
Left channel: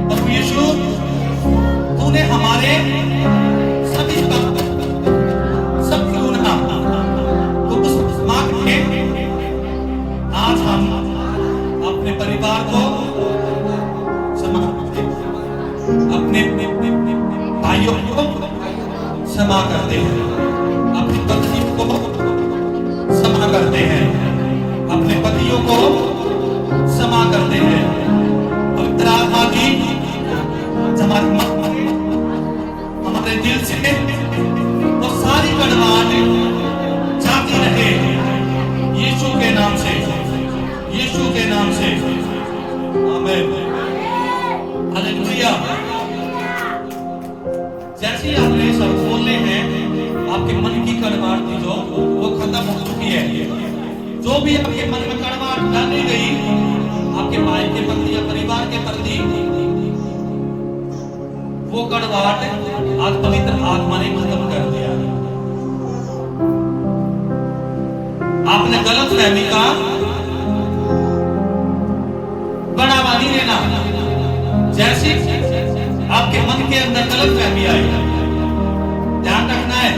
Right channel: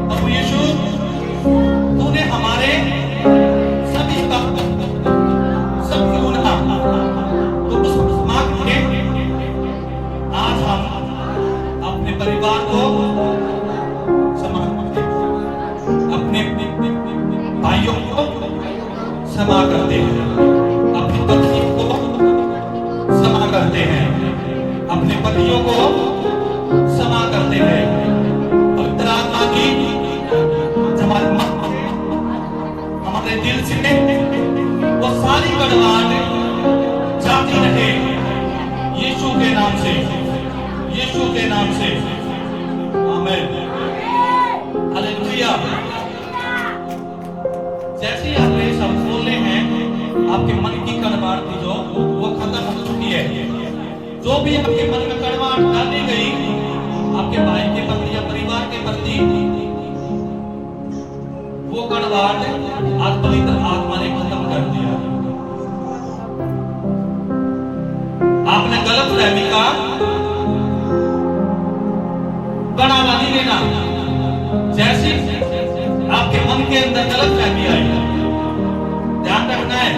प्रभु यीशु तूने हमारे सभी गुनाह को माफ किए। आज हम अपने परिवार को अपने भाइयों को क्षमा करते हैं, अपनी पत्नियों को क्षमा करते हैं, अपने पतियों को क्षमा करते हैं। पवित्र आत्मा की हमारे दिल से वो सारी कड़वाहट जाती रहे यीशु के नाम से, यीशु के नाम से। आमीन। हालेलुया। जैसे आपने शब्द बोले हैं आपके मन की कड़वाहट थी जो वो खत्म हो चुकी है। जो भी आपके मन में कड़वाहट डाली गई आपके भाई के प्रति या परिवार के प्रति, वो कड़वाहट आज पवित्र आत्मा ने खत्म कर दिया। आपने गलत फहमी का बढ़ावा नहीं देना। जैसी आपके मन के अंदर गलत फहमी आई, ध्यान रखना है।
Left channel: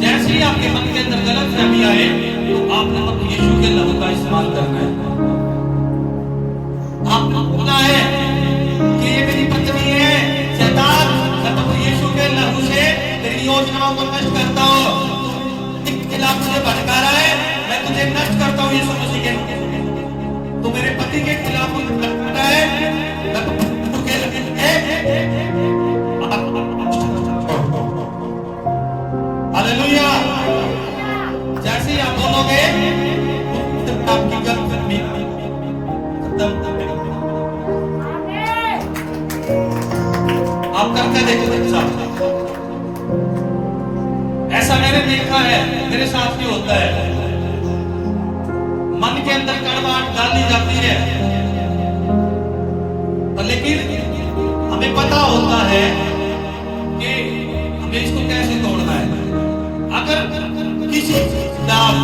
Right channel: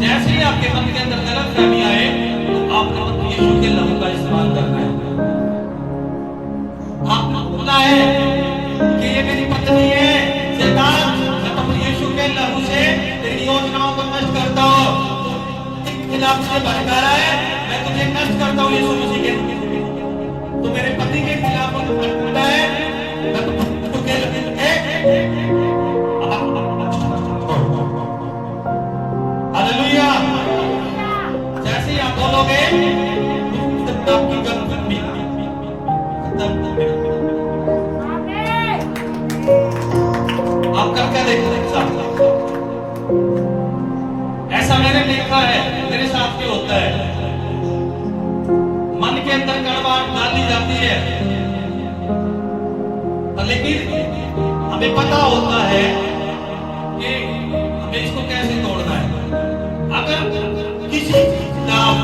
जैसे ही आपके मन के अंदर गलत फहमी आए तो आपने यीशु के लहू का इस्तेमाल करना है। आपको बोलना है कि ये मेरी पत्नी है, शैतान मैं प्रभु यीशु के लहू से तेरी योजनाओं को नष्ट करता हूँ। खिलाफ मुझे भड़का रहा है, मैं तुझे नष्ट करता हूँ यीशु मसीह के। तो मेरे पति के खिलाफ भड़का है, हालेलुया। जैसे आप बोलोगे आपकी गलती आप करके देखो। ऐसा मैंने देखा है, मेरे साथ भी होता है। मन के अंदर कड़वाहट डाली जाती है, लेकिन हमें पता होता है कि हमें इसको कैसे तोड़ना है। अगर किसी खिलाफ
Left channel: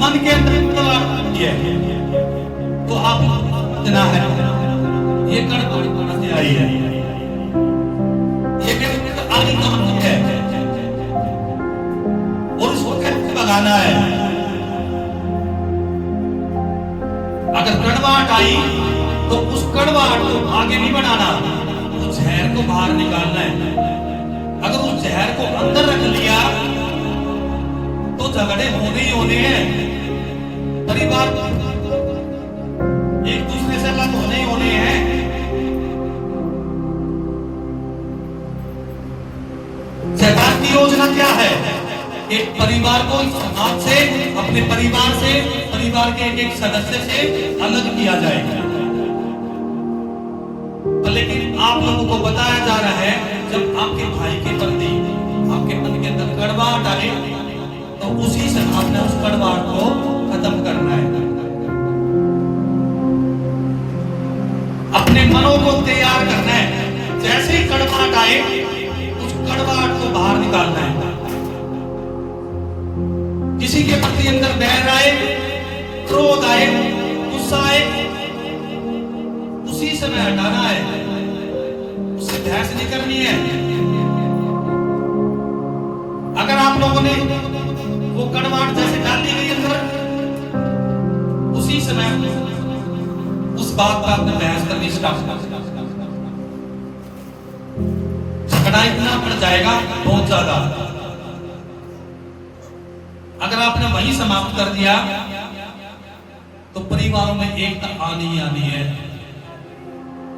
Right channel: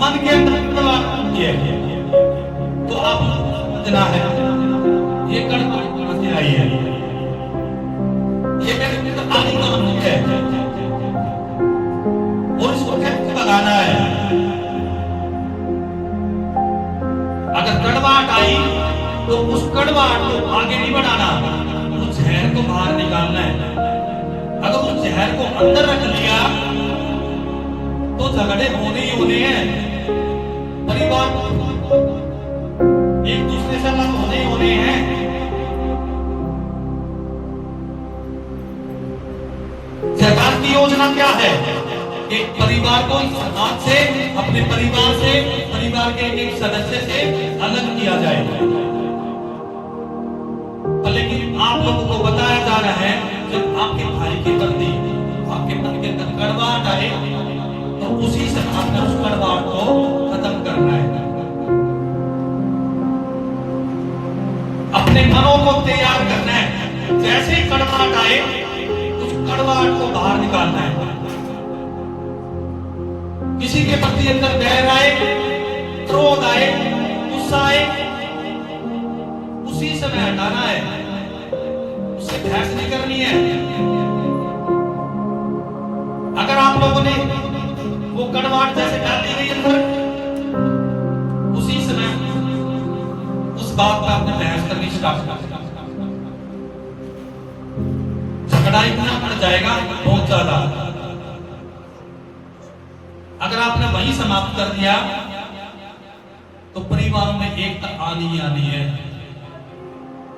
मन के अंदर कड़वाहट है तो आप समझना है ये कड़वाहट से आई है, ये आगे का है और इसको कैसे भगाना है। अगर कड़वाहट आई तो उस कड़वाहट को आगे नहीं बढ़ाना, उस जहर को बाहर निकालना है। अगर उस जहर को अंदर रख लिया तो झगड़े होने ही होने हैं। परिवार एक दूसरे से अलग होने ही होने हैं। शैतान की योजना क्या है? एक परिवार को समाज से, अपने परिवार से, परिवार के एक सदस्य से अलग किया जाए। लेकिन आप लोगों को बताया जा रहा है जब आपके भाई के प्रति आपके मन के अंदर कड़वाहट आए तो उसी से आपने उस कड़वाहट को खत्म करना है। अपने मनों को तैयार करना है। जैसे ही कड़वाहट आए उस कड़वाहट को बाहर निकालना है। किसी के प्रति अंदर बैर आए, क्रोध आए, गुस्सा आए, उसी समय हटाना है, उससे बहस नहीं करनी है। अगर आप लोगों ने वो कड़वाहट जैसे डाल दी गई अंदर, उसी समय उस बात पर आपने बहस करनी स्टार्ट कर दिया, झगड़ा इतना बढ़ जाएगा बहुत ज्यादा। अगर आपने वही समाप्त कर दिया तो परिवारों में एकता आनी ही आनी है।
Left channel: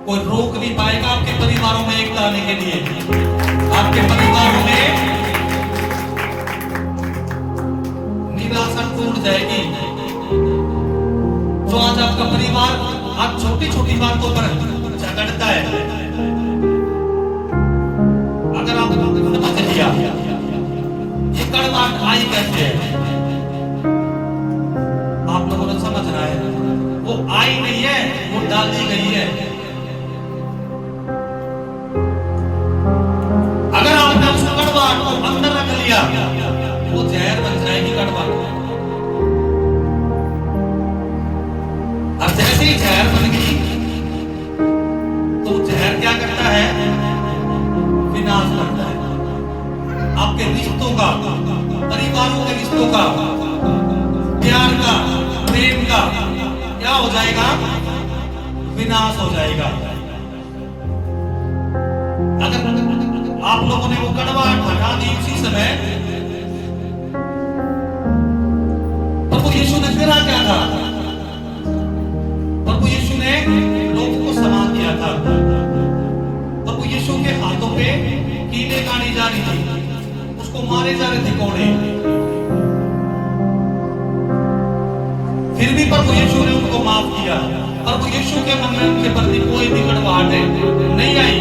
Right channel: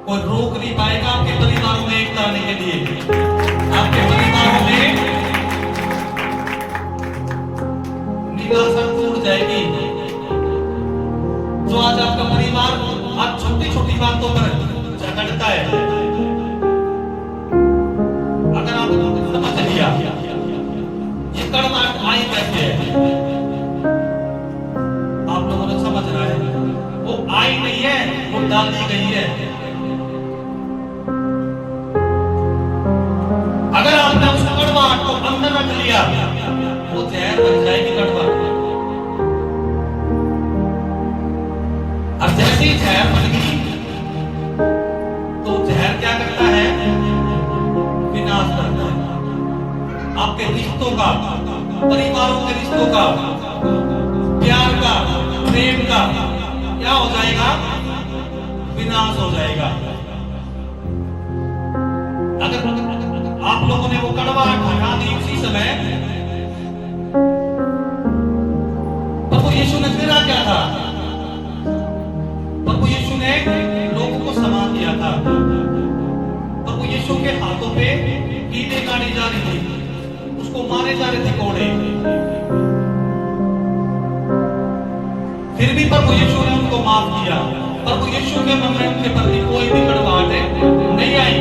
कोई रोक नहीं पाएगा आपके परिवारों में एकता आने के लिए। आपके परिवारों में निराशा टूट जाएगी। जो आज आपका परिवार आज छोटी छोटी बातों पर झगड़ता है, अगर आपको समझ लिया ये कड़वाहट आई कैसे है, आप लोगों ने समझना है। वो आई नहीं है, वो डाल दी गई है। अगर आपने उस कड़वाहट को अंदर रख लिया, वो जहर बन जाएगी कड़वाहट। अब जैसे ही जहर बन गई तो जहर क्या करता है? विनाश करता है। आपके रिश्तों का, परिवारों के रिश्तों का, प्यार का, प्रेम का क्या हो जाएगा? विनाश हो जाएगा। अगर आप लोगों ने वो कड़वाहट हटा दी उसी समय, प्रभु यीशु ने फिर क्या था? प्रभु यीशु ने लोगों को समा दिया था। प्रभु यीशु के हाथों पे कीड़े गाड़ी जा रही थी, उसको मारे जा रहे थे कोड़े, फिर भी प्रभु यीशु ने उनको माफ किया। प्रभु यीशु के मन में उनके प्रति कोई भी कड़वाहट नहीं आई।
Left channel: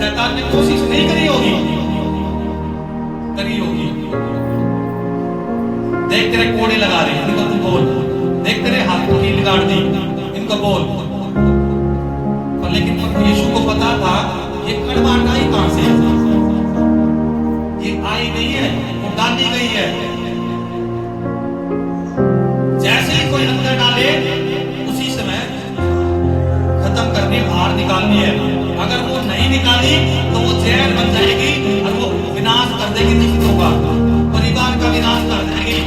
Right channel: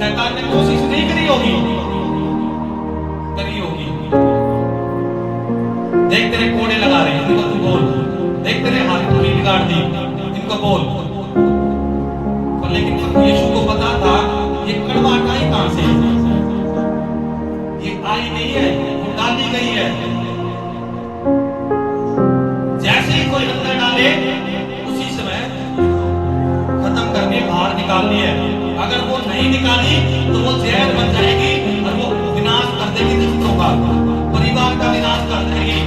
शैतान ने कोशिश नहीं करी होगी, करी होगी। देख तेरे कोड़े लगा रहे, इनको तू बोल। देख तेरे हाथ को कील गाड़ दी, इनको बोल। पर लेकिन प्रभु यीशु को पता था ये कड़वाहट आई कहां से? ये आई नहीं है, वो डाली गई है। जैसे ही कोई अंदर डाले उसी समय खत्म करने, बाहर निकालनी है। अगर वो नहीं निकाली तो वो जहर बन जाएगी और वो विनाश कर देगी रिश्तों का, परिवार का विनाश कर देगी,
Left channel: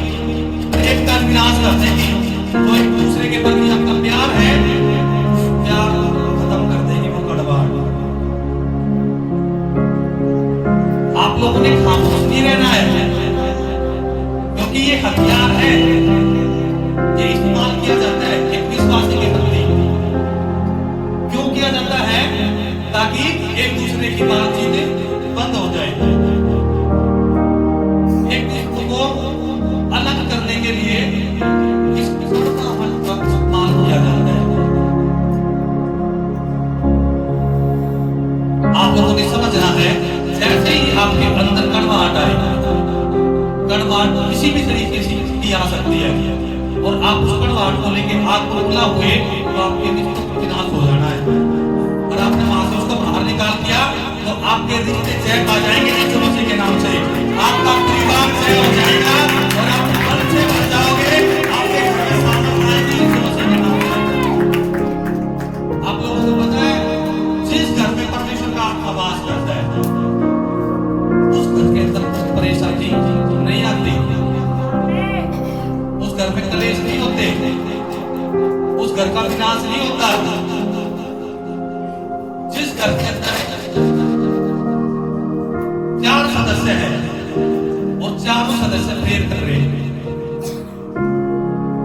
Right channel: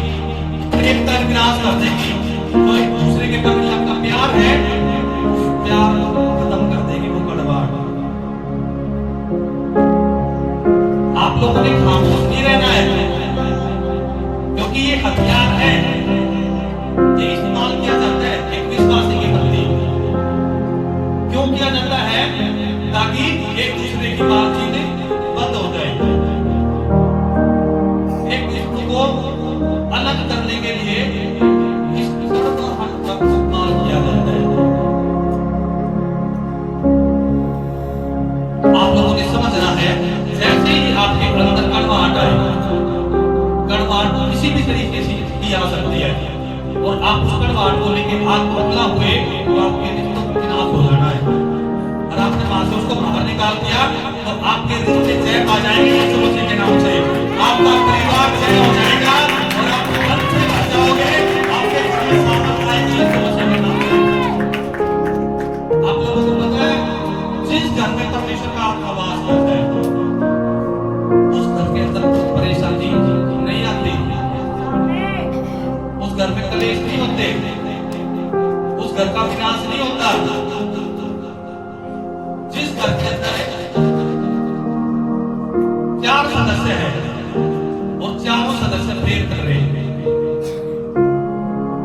प्रेम का विनाश कर देगी। तो एक दूसरे के प्रति आपका प्यार है, प्यार खत्म कर देगी वो कड़वाहट। आप लोगों ने खामोश नहीं रहना है, क्योंकि ये हथियार है, ये इस्तेमाल किया जाता है एक विश्वासी के प्रति। क्यों किया जाता है? ताकि एक दूसरे की बातचीत बंद हो जाए, एक दूसरे को अलग करने के लिए इस का इस्तेमाल किया जाता है। आप लोगों ने समझना है, जैसे ही आपके अंदर कड़वाहट आए, कड़वाहट किसी भी तरीके से की आ सकती है, और आप उस कड़वाहट को लेकर आग पगला हुए तो आपके रिश्तों का विनाश हो जाना है। और आपने वहां से उसको बाहर निकाल दिया तो आपके रिश्ते चैन आ जाएंगे यीशु मसीह के नाम से। आपका परिवार चैन हो जाएगा और आप अच्छे बन जाओगे। आपके घर में सामर्थ आएगी यीशु मसीह के नाम से। आप लोगों को पता है, जिस घर में परमेश्वर का आत्मा वास करता है उस घर के अंदर कुछ परेशानी नहीं आती, उस घर में कलेश नहीं होते, उस घर का विनाश नहीं होता। जिस घर के अंदर 4 सदस्य हैं और चारों सदस्य प्रेम कर रहे हैं,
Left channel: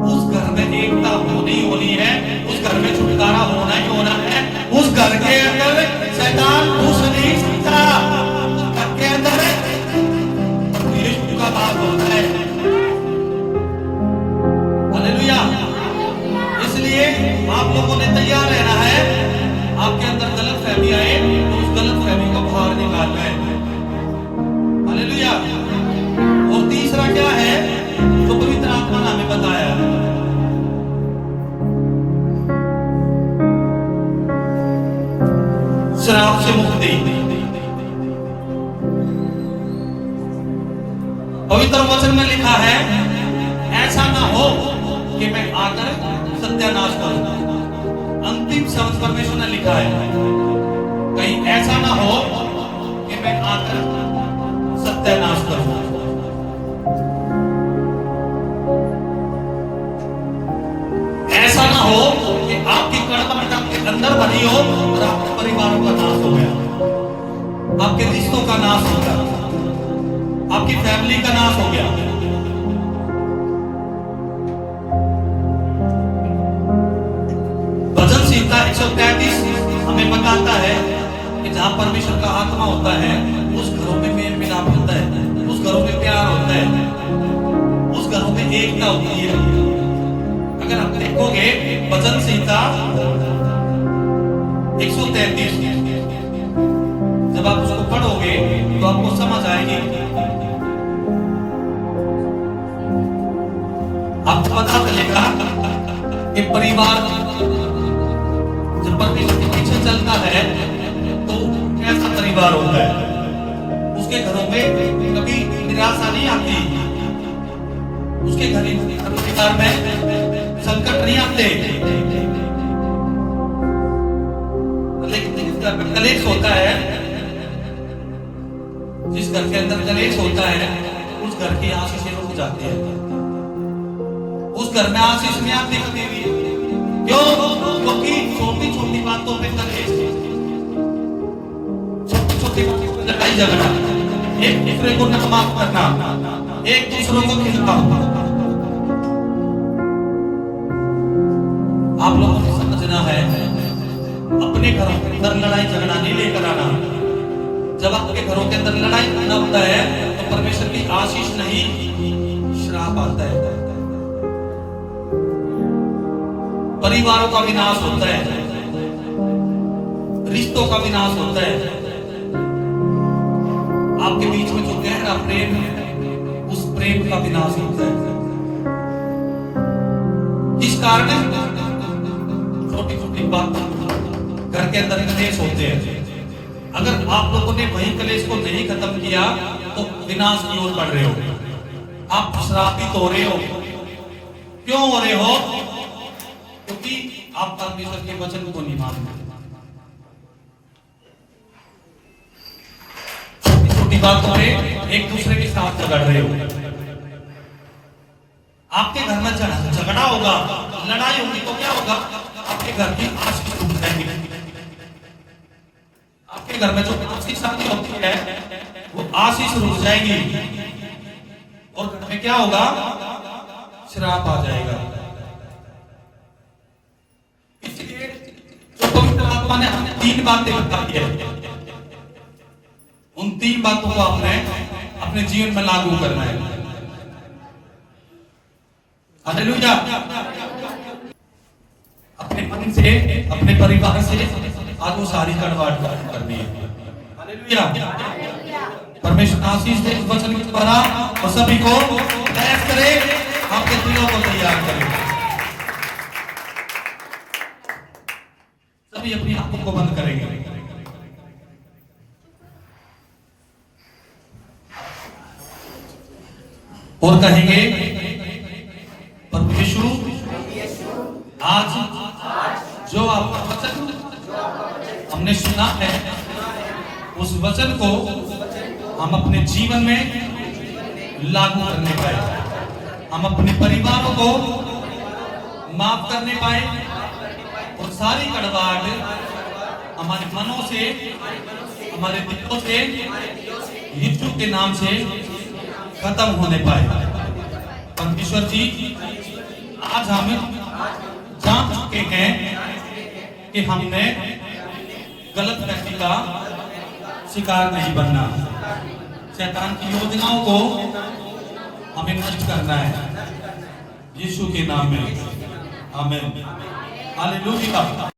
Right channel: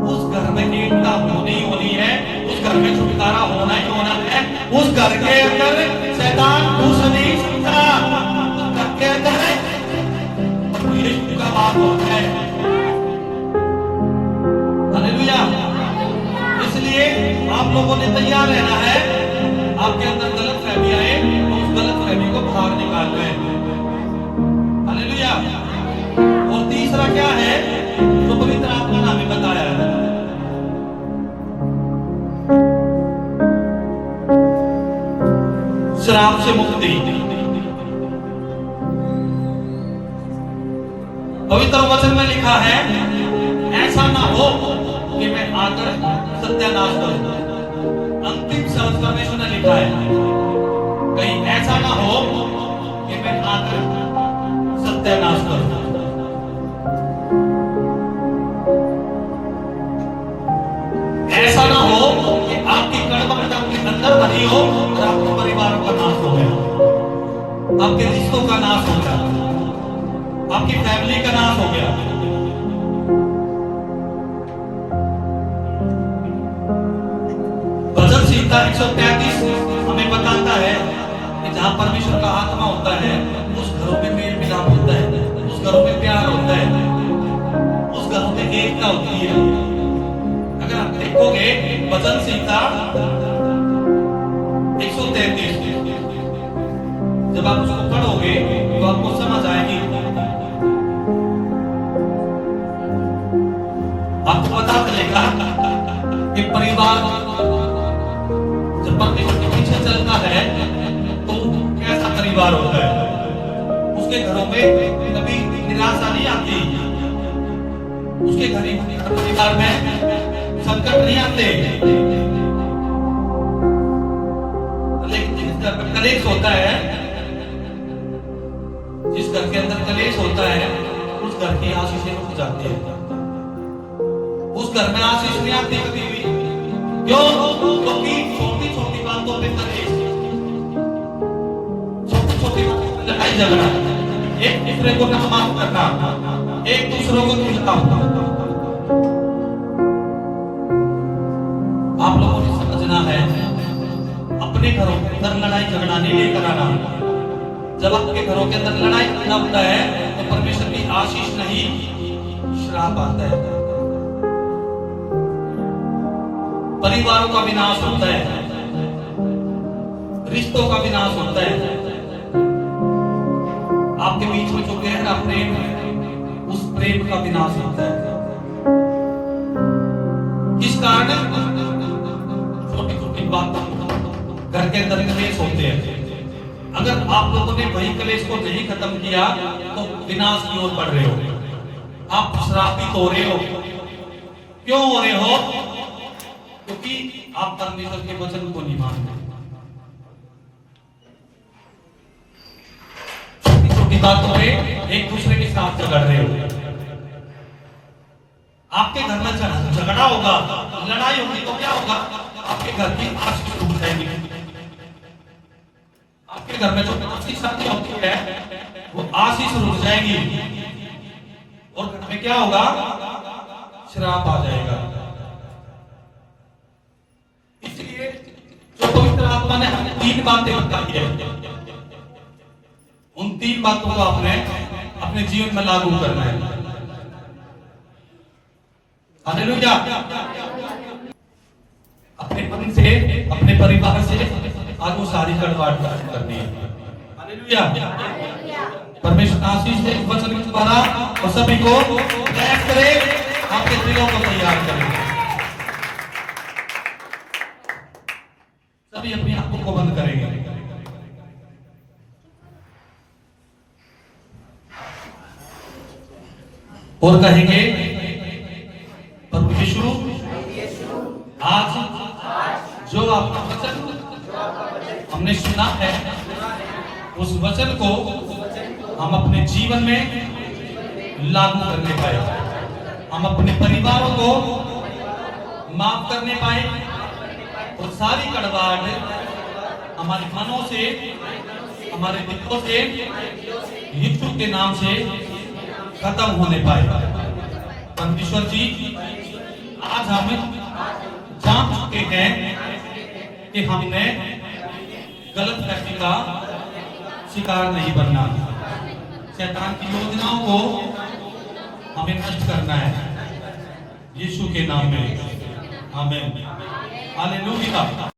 उस घर में एकता होनी ही होनी है, उस घर में छुटकारा होना ही होना है। उस घर के अंदर शैतान घुस नहीं सकता। उस घर के अंदर यीशु का बात होता है। हालेलुया। इसलिए आप लोगों ने तैयार रहना है। आपके अंदर गलत फहमी आए तो उस गलत फहमी को बाहर निकालना है। हालेलुया। और तीसरा क्या है तो पवित्र आत्मा ने हमें बताया है, श्राप से मुक्ति। पवित्र वचन में लिखा है, ऐसा ना हो कि मैं आकर सत्यानाश करूं। अंतिम शब्द परमेश्वर ने लिखा है, कहीं ऐसा ना हो कि मैं आकर सत्यानाश करूं। ऐसा ना हो कि आपकी कड़वाहट आपके अंदर भरी हो और आपके परिवारों का नाश हो गया, आपके रिश्तों का नाश हो गया, आपकी फैमिली का नाश हो गया। भजन संहिता 133 हमें बताता है कि जहाँ परमेश्वर का आत्मा होता है उस घरों में मेल मिलाप होता है, उस घरों में प्यार होता है, उस घरों में एकता होती है। अगर आप देखोगे भजन संहिता 133, जब आप उसको पढ़ोगे तो आपको समझ आएगी, आपको पता चलेगा कि परिवार जब परमेश्वर के पीछे चलता है तो कैसा परिवार होता है। उसके घरों में कभी निराशा नहीं आती, उसके परिवार में संकट नहीं आते। लेकिन जिस घर में कलेश होता है, जिस घर के अंदर कलेश होता है, उस घर की आशीषें रुक जाती है, उस घर में आशीष नहीं आती कभी भी। क्यों? क्योंकि छोटी छोटी बातों पे कलेश, छोटी छोटी बातों पे लड़ाई झगड़ा, एक दूसरे को ना माफ करना, एक दूसरों को खिलाना। आप लोगों को समझना है, अपने घरों के अंदर लड़ाई झगड़ा नहीं लेकर आना। जब आपके घरों के अंदर लड़ाई झगड़ा होता है तो परमेश्वर की आशीष नहीं, श्राप आता है। परिवारों का विनाश होता है, रिश्तों का विनाश होता है। आपके बीच में जो गहरा प्रेम है, उस प्रेम का विनाश होता है। किस कारण? छोटी छोटी बातों घर के अंदर कलेश होते हैं। अगर आप लोगों ने वही कलेश को नहीं खत्म किया तो विनाश की ओर बढ़ रहे हो, आप श्रापित हो रहे हो। क्यों हो रहे हो? क्योंकि आप परमेश्वर के वचन को नहीं मानते। छोटी छोटी बातों पे एक दूसरे के साथ झगड़ रहे हो। आपके घर में झगड़ा होगा, लड़ाई होगी तो क्या होगा? आपके घर की आशीष रुक जाएगी। आपके घर में जो आशीष होती है वो आशीष रुक जाएगी और घर में क्या होगा? श्राप आ जाएगा। इसलिए जो पवित्र आत्मा ने हमें 3 बातें बताई है, उन 3 बातों को आपने अपने जीवन में लागू करना है। हालेलुया। अपने मन से, अपने परिवार से आगू सारी कड़वाहट करनी है। हालेलुया। परमेश्वर आशीष दे वचन के द्वारा और सभी को प्रयास करे, आपके दिलों को तैयार करें। सभी अपनी आंखों को बंद करेंगे और कहेंगे, प्रभु यीशु, आज जो आपका वचन हमने सुना है, उस वचन को हम अपने जीवन में लागू करने पाए, हम अपने परिवारों को माफ करने पाए और सारी कड़वाहट हमारे मनों से, हमारे दिलों से यीशु के नाम से खत्म होने पाए। परमेश्वर जी, आज हम जान चुके हैं कि हमने गलत फैसले का शिकार नहीं बनना, शैतान की योजनाओं को हमें नष्ट करना है यीशु के नाम में। आमीन। हालेलुया।